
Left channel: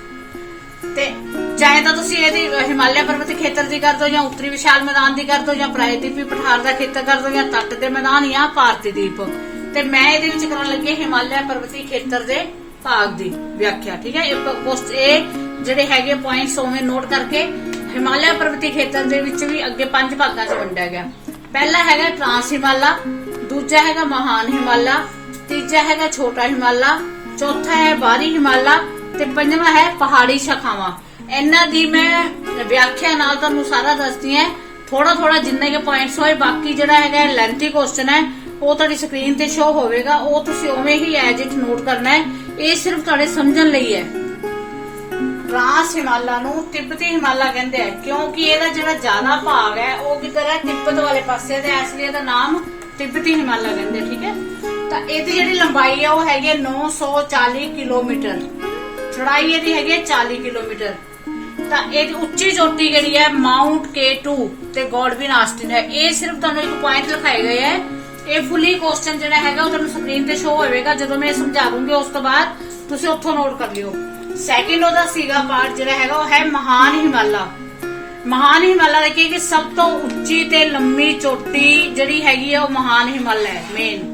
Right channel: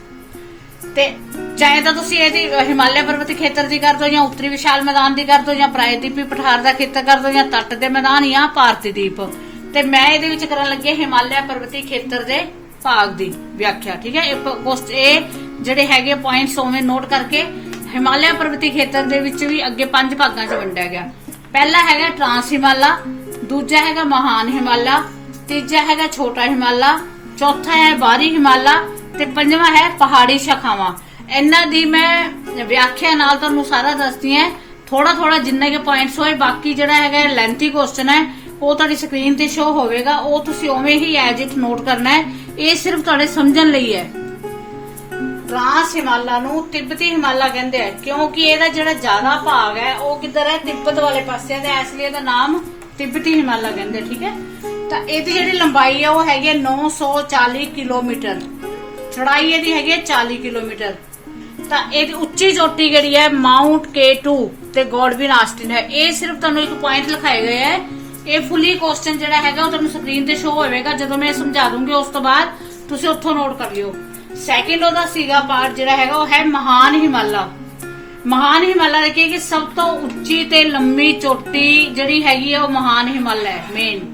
ਤੇ ਚਾਹੇ ਤਾਂ ਤੁਸੀਂ ਇਹਦੀ ਹਿਮਾਲਿਆ ਪਰਬਤੀ ਖੇਤਰ ਦੀ ਕਰ ਦੋ ਜਾਂ ਉੱਤਰੀ ਵਿਸ਼ਾਲ ਮੈਦਾਨ ਦੀ ਕਰ ਦੋ ਜਾਂ ਪ੍ਰਾਇਦੀਪੀ ਪਠਾਰ ਦਾ ਖੇਤਰ ਕਰ ਦੋ ਜਾਂ ਤੱਟ ਦੇ ਮੈਦਾਨ ਜਾਂ ਭਾਰਤੀ ਦੀਪ। ਤੇ ਮੈਂ ਇਹਦੇ ਵਿੱਚ ਕਰਨ ਲੱਗੀ ਹਿਮਾਲਿਆ ਪਰਬਤੀ ਖੇਤਰ ਦੇ ਭਾਗ ਦੀ ਵਿਆਖਿਆ। ਠੀਕ ਹੈ, ਇਹ ਜਿਹੜੇ ਹੈਗੇ ਪੁਆਇੰਟਸ ਉਵੇਂ ਨੋਟ ਕਰਕੇ। ਹਿਮਾਲਿਆ ਪਰਬਤੀ ਖੇਤਰ ਦੇ ਵਿੱਚ ਵੀ ਅੱਗੇ 5 ਭਾਗਾਂ 'ਚ ਵੰਡਿਆ ਗਿਆ। ਪਹਿਲਾ ਹੈਗਾ ਟ੍ਰਾਂਸ ਹਿਮਾਲਾ, ਦੂਜਾ ਹੈਗਾ ਮਹਾਨ ਹਿਮਾਲਾ, ਤੀਜਾ ਹੈਗਾ ਛੋਟਾ ਹਿਮਾਲਾ, ਚੌਥਾ ਹੈ ਬਾਹਰੀ ਹਿਮਾਲਾ ਤੇ ਪੰਜਵਾਂ ਹੈ ਪਹਾੜੀ ਸ਼ਾਖਾਵਾਂ। ਇਹਨਾਂ ਦੀ ਮੈਂ ਵਿਆਖਿਆ ਨਾਲ ਤੁਹਾਨੂੰ ਸਾਰਾ ਦੱਸਦੀ ਹੈ, ਥੋੜਾ ਥੋੜਾ ਜਿੰਨੇ ਕੇ ਪੁਆਇੰਟਸ ਹੋਏ। ਬਾਕੀ ਜਿਹੜਾ ਹੈਗਾ ਲੈਂਥੀ ਕੁਐਸਚਨ ਹੈ ਉਹ ਤੁਹਾਡੀ ਸਕਰੀਨ ਤੇ ਸ਼ੋ ਹੋਵੇਗਾ, ਉਹ ਤੁਸੀਂ ਉਵੇਂ ਹੀ ਐਜ ਇਟ ਨੋਟ ਕਰਨਾ ਹੈ। ਇਹ ਸਿਰਫ ਤੁਹਾਡੇ ਸਮਝਣ ਲਈ ਹੈ। ਟ੍ਰਾਂਸ ਹਿਮਾਲਾ ਨੂੰ ਤਿੱਬਤੀ ਹਿਮਾਲਾ ਕਹਿੰਦੇ ਆ ਕਿਉਂਕਿ ਇਹਦਾ ਜਿਹੜਾ ਜ਼ਿਆਦਾ ਭਾਗ ਹੈ ਉਹ ਕਿੱਧਰ ਹੈ, ਤਿੱਬਤ ਵਾਲੇ ਪਾਸੇ ਤੇ ਇਸ ਲਈ ਇਹਦਾ ਨਾਮ ਤਿੱਬਤੀ ਹਿਮਾਲਾ ਕਹਿੰਦੇ। ਠੀਕ ਹੈ, ਤਾਂ ਇਹਦੀ ਜਿਹੜੀ ਲੰਬਾਈ ਹੈ ਉਹ ਹੈਗੀ 940 ਕਿਲੋਮੀਟਰ, ਚੜਾਈ ਇਹਦੀ ਹੈਗੀ 40 ਕਿਲੋਮੀਟਰ। ਤਾਂ ਇਹਦੀ ਉੱਚੀ ਚੋਟੀ ਜਿਹੜੀ ਹੈ ਮਾਊਂਟ K2 ਤੇ ਗੋਡਵਿਨ ਆਸਟਿਨ ਹੈ। ਇਹ ਸਿਰਫ ਤੁਹਾਨੂੰ ਇੱਕ ਪੁਆਇੰਟ ਲਿਖਾਏ ਗਏ ਹੈ। ਇਹ ਫੁੱਲੀ ਕੁਐਸਚਨ ਜਿਹੜਾ ਹੈਗਾ ਉਹ ਤੁਹਾਨੂੰ ਸਕਰੀਨ ਤੇ ਸ਼ੋ ਹੋਵੇਗਾ ਜਦੋਂ ਮੈਂ ਸਮਝਾ ਦੂੰਗੀ, ਉਸ ਤੋਂ ਬਾਅਦ ਤੁਸੀਂ ਉੱਥੋਂ ਨੋਟ ਕਰ ਲਿਓ। ਸੈਕਿੰਡ ਉਹਦਾ ਸੀਗਾ ਪਾਰਟ ਜਿਹੜਾ ਹੈਗਾ ਉਹ ਹੈ ਮਹਾਨ ਹਿਮਾਲਾ। ਮਹਾਨ ਹਿਮਾਲਾ ਦੇਖੀਏ ਕਿ ਸਭ ਤੋਂ ਉੱਚੀ ਤੇ ਲੰਮੀ ਚੋਟੀ ਜਿਹੜੀ ਹੈਗੀ ਹੈ ਉਹ ਮਹਾਨ ਹਿਮਾਲਾ ਹੈ ਮੇਨ।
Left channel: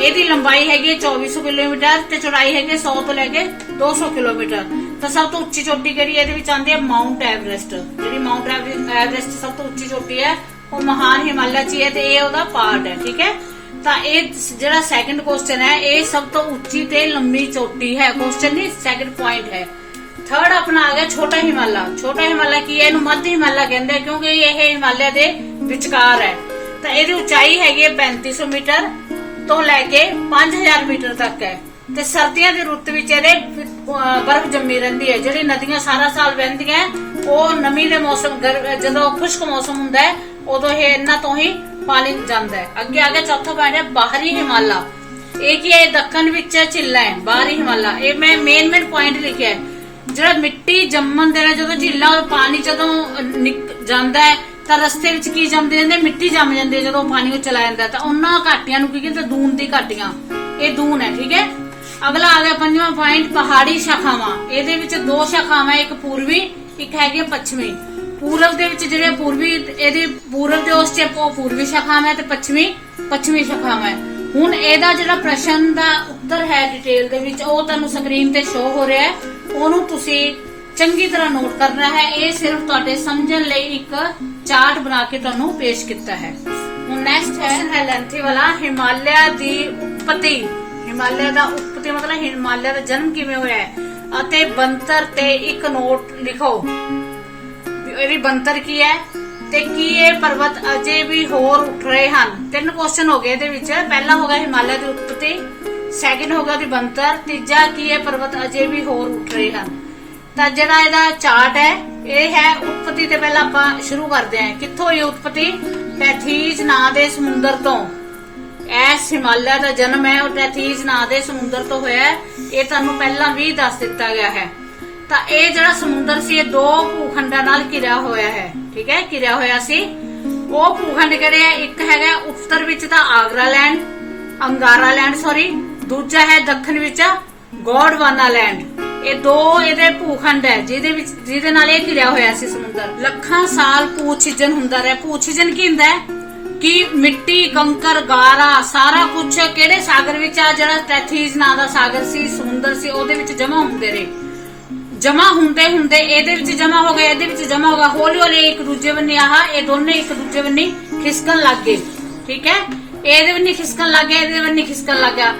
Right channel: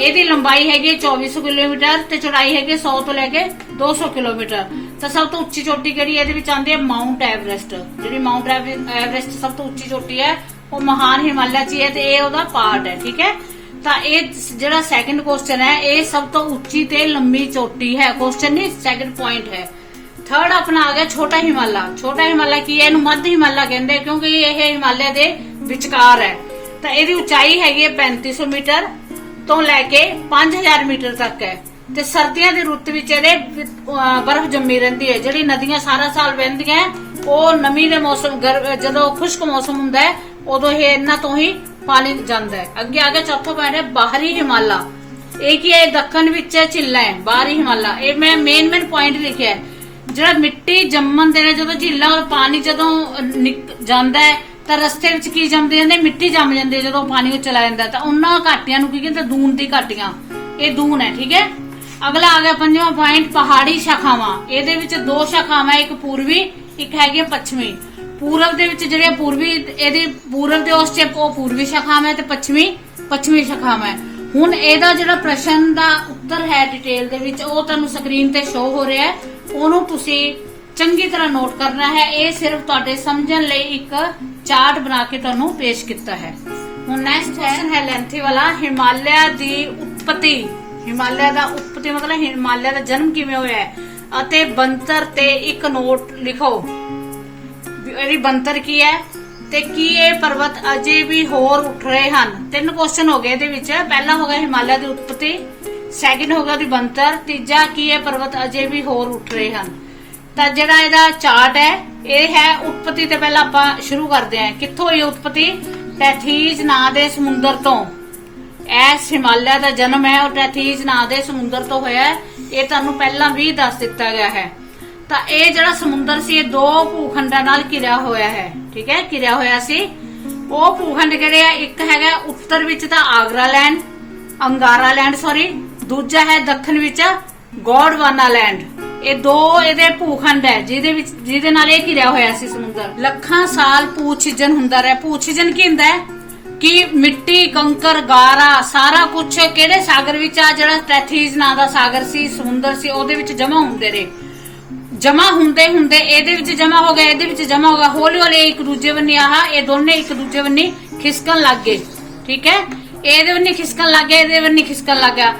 ਇਹਦੀ ਲੰਬਾਈ ਹੈਗੀ 2400 ਕਿਲੋਮੀਟਰ ਤੇ ਚੌੜਾਈ ਹੈਗੀ 100 ਤੋਂ ਲੈ ਕੇ 200 ਕਿਲੋਮੀਟਰ। ਤਾਂ ਸਭ ਤੋਂ ਉੱਚੀ ਚੋਟੀ ਕਿਹੜੀ ਇਹਦੇ ਵਿੱਚ ਆਉਂਦੀ ਹੈ ਮਾਊਂਟ ਐਵਰੈਸਟ। ਜਿਹੜੀ ਮਾਊਂਟ ਐਵਰੈਸਟ ਸਭ ਤੋਂ ਉੱਚੀ ਚੋਟੀ ਹੈ ਉਹ ਮਹਾਨ ਹਿਮਾਲਿਆ 'ਚ ਹੈ ਤੇ ਇਹ ਉਹਦਾ ਪਾਰਟ ਹੈ। ਠੀਕ ਹੈ, ਤਾਂ ਇਹ ਜਿਹੜਾ ਸੈਕਿੰਡ ਕੁਐਸਚਨ ਹੈ ਇਹ ਸਭ ਤੋਂ ਉੱਚੀ ਤੇ ਲੰਮੀ ਚੋਟੀ ਹੈ। ਕੁਐਸਚਨ ਨਹੀਂ, ਸੈਕਿੰਡ ਪੁਆਇੰਟ ਹੈ। ਥਰਡ ਆਪਣਾ ਆ ਗਿਆ ਛੋਟਾ ਹਿਮਾਲਾ। ਛੋਟਾ ਹਿਮਾਲਾ ਕੀ ਹੈ, ਇਹਨੂੰ ਮੱਧ ਹਿਮਾਲਾ ਕਹਿੰਦੇ ਕਿਉਂਕਿ ਇਹ ਹਿਮਾਲਿਆ ਦੇ ਵਿਚਕਾਰ ਹੈ। ਤਾਂ ਇਹਦੀ ਉਚਾਈ ਹੈਗੀ 3500 ਮੀਟਰ ਤੋਂ ਲੈ ਕੇ 5000 ਮੀਟਰ ਤੱਕ ਹੈ। ਤੇ ਸਰਦੀਆਂ ਦੀ ਰੁੱਤ ਵਿੱਚ ਇਹਦੇ ਬਰਫ਼ ਜੰਮੀ ਰਹਿੰਦੀ ਹੈ। ਜਿਹੜੀ ਨਦੀਆਂ ਸਾਰਾ ਸਾਲ ਵਹਿੰਦੀਆਂ ਉਹ ਨਮੀ ਦੇ ਮੌਸਮ ਜਦੋਂ ਖੁਸ਼ਕ ਮੌਸਮ ਹੁੰਦਾ ਹੈ ਉਦੋਂ ਇਹ ਇਹਨਾਂ ਤੋਂ ਹੀ ਪਾਣੀ ਜਾਂਦਾ ਹੈ। ਅੱਗੇ ਆ ਗਿਆ ਚੌਥਾ ਪੁਆਇੰਟ ਹੈ ਬਾਹਰੀ ਹਿਮਾਲਾ। ਇਹ ਕੀ ਹੈ, ਦੱਖਣ ਵਿੱਚ ਝੀਲਾਂ ਹੈ ਬਾਹਰੀ ਹਿਮਾਲਾ। ਇਹ ਮੈਂ ਮੇਨ ਪੁਆਇੰਟ ਲਿਖਿਆ ਹੈ। ਜਿਹੜਾ ਮਿੱਟੀ ਜੰਮਣ ਦੇ ਨਾਲ ਜਦੋਂ ਝੀਲਾਂ ਪਾਣੀ ਜਦੋਂ ਜਾਂਦਾ ਹੈ ਤਾਂ ਰਸਤੇ ਵਿੱਚ ਕੀ ਜੰਮਦੇ ਜਾਂਦੇ, ਮਿੱਟੀ ਜੰਮ ਜਾਂਦੀ ਹੈ ਜਦੋਂ ਪਾਣੀ ਵਿੱਚ ਚਲਾ ਜਾਂਦਾ। ਤਾਂ ਉਹਨਾਂ ਘਾਟੀਆਂ ਨੂੰ ਕੀ ਕਹਿੰਦੇ, ਦੂਨ ਦੀ ਘਾਟੀਆਂ। ਇਹ ਦੂਨ ਹੈ। ਠੀਕ ਹੈ, ਅਗਲਾ ਆ ਗਿਆ ਪੰਜਵਾਂ ਪੁਆਇੰਟ ਪਹਾੜੀ ਸ਼ਾਖਾਵਾਂ। ਇਹਦੇ ਵਿੱਚ 2 ਸ਼ਾਖਾਵਾਂ, ਇੱਕ ਪੂਰਬੀ ਇੱਕ ਹੈਗੀ ਪੱਛਮੀ। ਪੂਰਬ ਦੇ ਵਿੱਚ ਜਿਹੜੇ ਪੂਰਬੀ ਇਹਦੀ ਪੂਰਬ ਦੇ ਉਸ ਚ ਪੂਰਬੀ ਸ਼ਾਖਾਵਾਂ ਤੇ ਪੱਛਮੀ ਸ਼ਾਖਾਵਾਂ। ਹੁਣ ਇਹਦਾ ਜਿਹੜਾ ਪ੍ਰਸ਼ਨ ਦਾ ਉੱਤਰ ਹੈ ਡਿਟੇਲ ਦੇ ਵਿੱਚ ਉਹ ਤੁਹਾਨੂੰ ਸਕਰੀਨ ਤੇ ਸ਼ੋ ਹੋ ਰਿਹਾ ਹੈ, ਉਹਨੂੰ ਤੁਸੀਂ ਚੰਗੀ ਤਰ੍ਹਾਂ ਨੋਟ ਕਰਨਾ ਹੈ। ਇਹ ਸਿਰਫ ਤੁਹਾਡੇ ਸਮਝਣ ਲਈ ਇੱਕ ਚਾਰਟ ਬਣਾ ਕੇ ਤੁਹਾਨੂੰ ਪੇਸ਼ ਕੀਤਾ ਹੈ। ਹੁਣ ਨੈਕਸਟ ਹੈ ਲੈਂਥੀ ਵਾਲਾ ਹਿਮਾਲਿਆ ਦੀ ਉਤਪਤੀ। ਹਿਮਾਲਿਆ ਦਾ ਉਤਪਤੀ ਮਤਲਬ ਹਿਮਾਲਿਆ ਦਾ ਜਨਮ ਕਿਵੇਂ ਹੋਇਆ ਹੈ ਅਤੇ ਬੰਤਰ ਤੇ ਇੱਕ ਨੋਟ ਲਿਖੋ। ਇਹਦੀ ਬੰਤਰ ਕੀ ਹੈ ਤੇ ਕੀ ਇਹ ਪਰਬਤ ਅਜੇ ਵੀ ਹੋਰ ਉੱਠ ਰਹੇ ਹਨ। 3 ਕੁਐਸਚਨ ਹੋ ਗਏ ਇਹਦੇ ਵਿੱਚ। ਪਹਿਲਾ ਹੋ ਗਿਆ ਹਿਮਾਲਿਆ ਦੀ ਉਤਪਤੀ, ਸੈਕਿੰਡ ਹੋ ਗਿਆ ਦੀ ਬੰਤਰ, ਤੀਜਾ ਕੀ ਇਹ ਪਰਬਤ ਅਜੇ ਵੀ ਹੋਰ ਉੱਠ ਰਹੇ ਹਨ। ਤਾਂ ਜਿਹੜਾ ਇਹਦਾ ਚਾਰਟ ਹੈ ਇਹ ਹੈ ਉਤਪਤੀ ਤੇ ਪਹਿਲਾਂ ਆਪਾਂ ਸ਼ੁਰੂ ਕਰਦੇ ਹਾਂ। ਕਿੱਥੋਂ ਹੋਈ ਉਤਪਤੀ? ਟੈਥੀਜ ਨਾਂ ਦੇ ਸਮੁੰਦਰ ਤੋਂ। ਇਸ ਹਿਮਾਲਿਆ ਦਾ ਜਨਮ ਹੈ ਉਹ ਟੈਥੀਜ ਨਾਂ ਦੇ ਸਮੁੰਦਰ ਤੋਂ ਹੋਇਆ ਹੈ। ਇਹ ਤੁਹਾਨੂੰ ਪਹਿਲਾਂ ਵੀ ਦੱਸ ਦਿੱਤਾ ਗਿਆ ਹੈ। ਤਾਂ ਇਹ ਜਿਹੜਾ ਸਮੁੰਦਰ ਸੀ ਇਹ 2 ਭੂਖੰਡਾਂ ਨਾਲ ਘਿਰਿਆ ਹੋਇਆ ਹੈ। ਠੀਕ ਹੈ, ਘਿਰਿਆ ਹੋਇਆ ਸੀ। ਉਹ ਭੂਖੰਡ ਕਿਹੜੇ ਆ? ਇੱਕ ਹੈਗਾ ਉੱਤਰ ਵਿੱਚ ਤਾਂ ਅੰਗਾਰਾ ਲੈਂਡ ਦੂਜਾ ਹੈ ਦੱਖਣ ਵਿੱਚ ਗੋਡਵਾਨਾ ਲੈਂਡ। ਇਹ 2 ਇਹਦੇ ਭੂਖੰਡ ਹੈ ਜਿਹਦੇ ਨਾਲ ਇਹ ਘਿਰਿਆ ਹੋਇਆ ਸੀ ਸਮੁੰਦਰ। ਲੱਖਾਂ ਸਾਲ ਭੂ-ਛਿਜਨ ਹੁੰਦਾ ਰਿਹਾ। ਭੂ-ਛਿਜਨ ਕੀ ਹੁੰਦਾ ਹੈ ਕਿ ਮਿੱਟੀ, ਕੰਕਰ, ਗਾਰਾ ਸਾਰਾ ਕੁਝ ਕਿਹੜੇ ਸਾਗਰ ਵਿੱਚ ਆ? ਜਿਹੜਾ ਟੈਥੀਜ ਨਾਂ ਦਾ ਸਾਗਰ ਸੀ, ਸਮੁੰਦਰ ਸੀ, ਉਹਦੇ ਵਿੱਚ ਜਮਾ ਹੁੰਦੇ ਰਹੇ। ਜਮਾ ਹੁੰਦੇ ਇਹਦੇ ਵਿੱਚ ਜਮਾ ਹੋ ਗਏ, ਇਹਦੇ ਵਿੱਚ ਜਮਾ ਹੋ ਗਿਆ। ਹੌਲੀ ਹੌਲੀ ਇੱਕ ਦੂਜੇ ਬੰਨੀ ਇਹ ਦੋਨੇ ਇੱਕ ਦੂਜੇ ਬੰਨੀ ਖਿਸਕਣ ਲੱਗ ਗਏ। ਠੀਕ ਹੈ, ਇਹਦੇ ਬੰਨੀ ਖਿਸਕਣ ਲੱਗ ਗਏ, ਇਹਦੇ ਬੰਨੀ ਖਿਸਕਣ ਲੱਗ ਗਿਆ।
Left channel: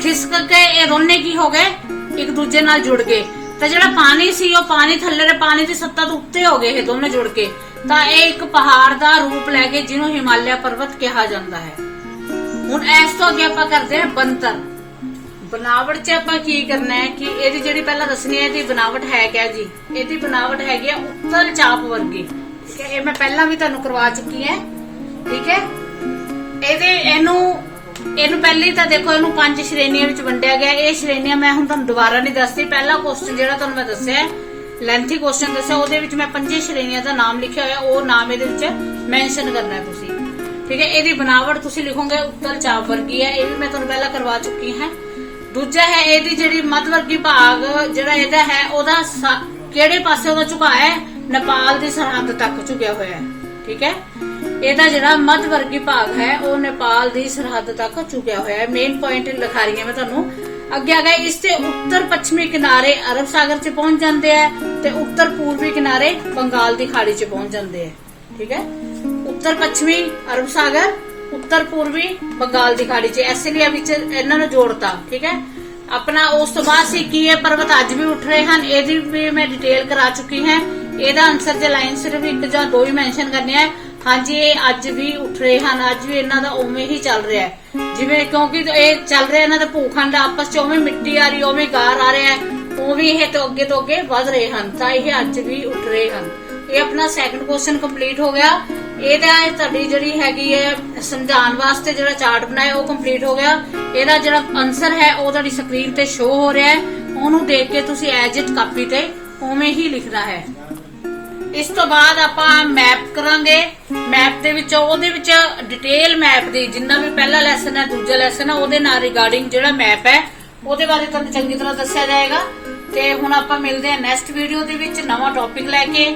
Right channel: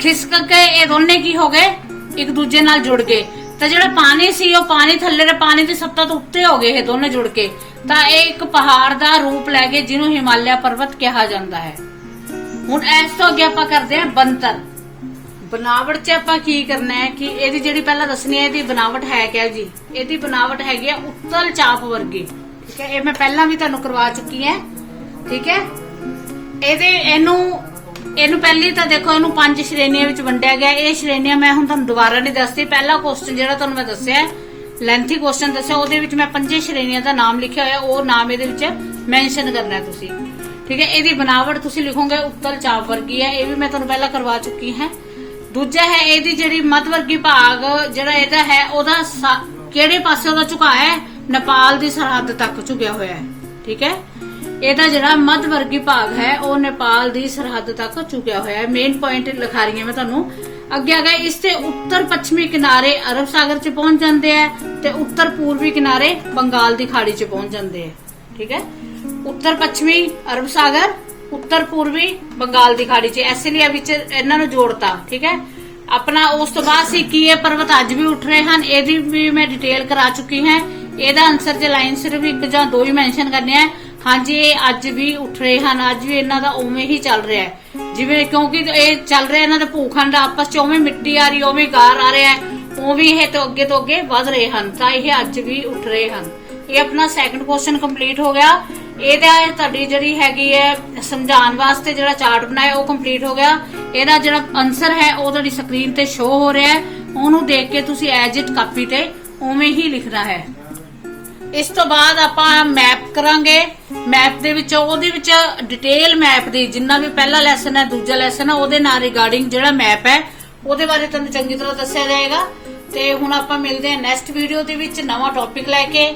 ਖਿਸਕ ਕੇ ਇਹ ਦੋਨੇ ਕੀ ਹੋ ਗਏ, ਇੱਕ ਦੂਜੇ ਨਾਲ ਜੁੜ ਗਏ। ਤਾਂ ਜਿਹੜਾ ਪਾਣੀ ਸੀ ਉਹ ਪਾਣੀ ਥੱਲੇ ਦੇ ਪਾਣੀ ਦੀ ਸਤ੍ਹਾ ਤੋਂ ਉੱਤੇ ਹੋ ਗਏ ਇਹ ਦੋਨੇ ਜੁੜ ਕੇ। ਤਾਂ ਇਹ ਇੱਕ ਪਹਾੜ ਦਾ ਰੂਪ ਲੈ ਕੇ ਜਿਹਨੂੰ ਹਿਮਾਲਿਆ ਪਰਬਤ ਕਿਹਾ ਜਾਂਦਾ ਹੈ। ਹੁਣ ਇਸ ਤੋਂ ਅੱਗੇ ਆਪਾਂ ਕਰਦੇ ਹਾਂ ਬੰਤਰ। बनावट च आप की करना है कि ਇਹਦੀ ਜਿਹੜੀ ਪਹਿਲਾਂ ਦੱਸਣੀ ਹੈ ਇਹਦੀ बनावट है क्या जी। ਇਹਦੀ बनावट हैगी उत्तल चाप वर्गी। ठीक है, ये मैं पहला भी ਤੁਹਾਨੂੰ ਕਰਵਾ ਚੁੱਕੀ है। ठीक है, ਇਹਨੂੰ ਇਹਨੂੰ ਪਹਿਲੀ ਤਾਂ ਦੇਖੋ ਇਹਨੂੰ 5 ਸ਼੍ਰੇਣੀਆਂ ਵਿੱਚ ਵੰਡਿਆ ਗਿਆ। ਇਹ ਸ਼੍ਰੇਣੀਆਂ ਮੈਂ ਹੁਣ ਤੁਹਾਨੂੰ ਦੁਬਾਰਾ ਨਹੀਂ ਦੱਸਦੀ। ਪਹਿਲਾ ਕੁਐਸਚਨ ਜਿਹੜਾ ਤੁਹਾਨੂੰ ਮੈਂ ਦੱਸਿਆ ਲੈਂਥੀ ਕੁਐਸਚਨ ਦੱਸਿਆ, ਉਹਦੇ ਵਿੱਚ ਮੈਂ 5 ਸ਼੍ਰੇਣੀਆਂ ਦਾ ਨਾਮ ਲਿਖਿਆ ਹੋਇਆ, ਉਹ ਨਾਮ ਇਹਦੇ ਵਿੱਚ ਮੈਂਸ਼ਨ ਕਰਨਾ ਹੈ ਤੁਸੀਂ, ਠੀਕ ਹੈ। ਇਹਦੀ ਬਣਾਵਟ ਤੁਸੀਂ ਲਿਖੋਗੇ ਉੱਤਲ ਚਾਪ ਵਰਗੀ ਹੈ, ਇਹ ਵੀ ਮੈਂ ਤੁਹਾਨੂੰ ਪਹਿਲਾਂ ਕਰਵਾ ਚੁੱਕੀ ਹਾਂ। ਦੂਜਾ ਹੈ ਇਹਦੀ ਜਿਹੜੀ ਮੱਧ ਵਰਗੀ ਭਾਗ ਜਿਹੜਾ ਇਹਦਾ ਹੈ, ਉਹਦਾ ਕਿਹੜੇ ਪਾਸੇ ਉਹਦਾ ਝੁਕਾਅ ਹੈ, ਨੇਪਾਲ ਦੀ ਸਰਹੱਦ ਤੱਕ ਝੁਕਿਆ ਹੋਇਆ ਹੈ, ਠੀਕ ਹੈ। ਇਹਦਾ ਜਿਹੜਾ ਮੱਧ ਵਰਗੀ ਭਾਗ ਹੈ ਉਹ ਨੇਪਾਲ ਦੀ ਸਰਹੱਦ ਤੱਕ ਝੁਕਿਆ ਹੋਇਆ ਹੈ। ਮੇਨ ਪੁਆਇੰਟ ਲਿਖਾ ਰਹੀ ਹਾਂ ਮੈਂ ਤੁਹਾਨੂੰ। ਅੱਗੇ ਆ ਗਏ, ਇਸ ਦੇ ਉੱਤਰ ਪੱਛਮੀ ਕਿਨਾਰੇ ਅਰਬ ਸਾਗਰ 'ਚ ਪਹੁੰਚ ਜਾਂਦੇ ਆ ਤੇ ਉੱਤਰ ਪੂਰਬੀ ਕਿਨਾਰੇ ਬੰਗਾਲ ਦੀ ਖਾੜੀ 'ਚ ਪਹੁੰਚ ਜਾਂਦੇ ਆ, ਠੀਕ ਹੈ। ਉੱਤਰ ਪੱਛਮੀ ਅਰਬ ਸਾਗਰ, ਉੱਤਰ ਪੂਰਬੀ ਬੰਗਾਲ ਦੀ ਖਾੜੀ 'ਚ, ਇਸ ਲਈ ਵਿੱਚ ਇਹਨਾਂ ਨੂੰ ਜੋੜਤਾ, ਠੀਕ ਹੈ। ਆਪਣਾ ਉਸ ਤੋਂ ਬਾਅਦ ਸੀ ਕੀ ਇਹ ਪਰਬਤ ਅੱਜ ਵੀ ਉੱਠ ਰਹੇ ਹਨ, ਇਹਦੀ ਵੀ ਮੈਂ ਡਿਟੇਲ ਕਰਾ ਚੁੱਕੀ ਹਾਂ। ਇਹਦਾ ਆਨਸਰ ਜੇ ਲਾਈਨ ਸਿਰਫ 1 ਜਾਂ 2 ਹੀ ਮੈਂਸ਼ਨ ਕਰਨੇ ਆ। ਹਾਂਜੀ, ਇਹ ਅੱਜ ਵੀ ਉੱਠ ਰਹੇ ਹਨ, ਅੱਜ ਵੀ ਇਹਨਾਂ ਦਾ ਉਵੇਂ ਹੀ ਚੱਲ ਰਿਹਾ ਹੈ ਜਿਵੇਂ, ਕਿਉਂਕਿ ਇਹ ਚੱਲ ਰਿਹਾ ਇਹਨਾਂ ਦਾ ਭੂਖੰਡ ਆਪਸ 'ਚ, ਉਵੇਂ ਮਿੱਟੀ ਆ ਰਹੀ, ਉਵੇਂ ਗਾਰ ਆ ਰਿਹਾ ਹੈ, ਉਵੇਂ ਇਹ ਤੋਂ ਅੱਗੇ ਵਧ ਰਹੇ ਹਨ, ਤਾਂ ਇਹ ਅੱਜ ਵੀ ਉੱਠ ਰਹੇ ਹਨ। ਇਹ ਆਪਣਾ ਸੈਕੰਡ ਕੁਐਸਚਨ ਕੰਪਲੀਟ ਹੋ ਗਿਆ। ਇਹਦਾ ਤੁਹਾਡੀ ਜਿਹੜੀ ਹੈਗੀ ਹੈ ਸਮਝਾਉਣ ਵਾਸਤੇ ਜਿਹੜਾ ਚਾਰਟ ਬਣਾਇਆ ਉਹ ਕੰਪਲੀਟ ਹੋ ਗਿਆ। ਇਹਦਾ ਜਿਹੜਾ ਆਨਸਰ ਹੈ ਉਹ ਤੁਹਾਡੀ ਸਕਰੀਨ ਤੇ ਸ਼ੋ ਹੋ ਰਿਹਾ ਹੈ, ਉਹਨੂੰ ਦੇਖ ਕੇ ਤੁਸੀਂ ਐਜ ਇਟ ਕਾਪੀ ਤੇ ਉਵੇਂ ਹੀ ਲਿਖਣਾ ਹੈ। ਇਸ ਤੋਂ ਬਾਅਦ ਆਪਾਂ ਮੈਪ ਕਰਾਂਗੇ। ਮੈਪ ਦੇ ਵਿੱਚ ਉਹਦੇ ਵਿੱਚ ਡਿਟੇਲ ਮੈਪ ਦੀ, ਜਿੰਨਾ ਵੀ ਪਹਿਲਾ ਲੈਸਨ ਹੈ ਦੂਜਾ ਲੈਸਨ ਹੈ, ਉਹਦੇ ਨਾਲ ਰਿਗਾਰਡਿੰਗ ਜਿਹੜਾ ਮੈਪ ਹੈ ਉਹਦੇ ਬਾਰੇ ਤੁਹਾਨੂੰ ਚੰਗੀ ਤਰ੍ਹਾਂ ਦੱਸਿਆ ਜਾਏਗਾ। ਤੇ ਹੁਣ ਆਪਾਂ ਮਿਲਦੇ ਹਾਂ ਨੈਕਸਟ ਵੀਡੀਓ ਦੇ ਵਿੱਚ ਨਵਾਂ ਟੌਪਿਕ ਲੈ ਕੇ।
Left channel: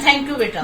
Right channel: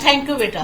ਥੈਂਕ ਯੂ ਬੇਟਾ।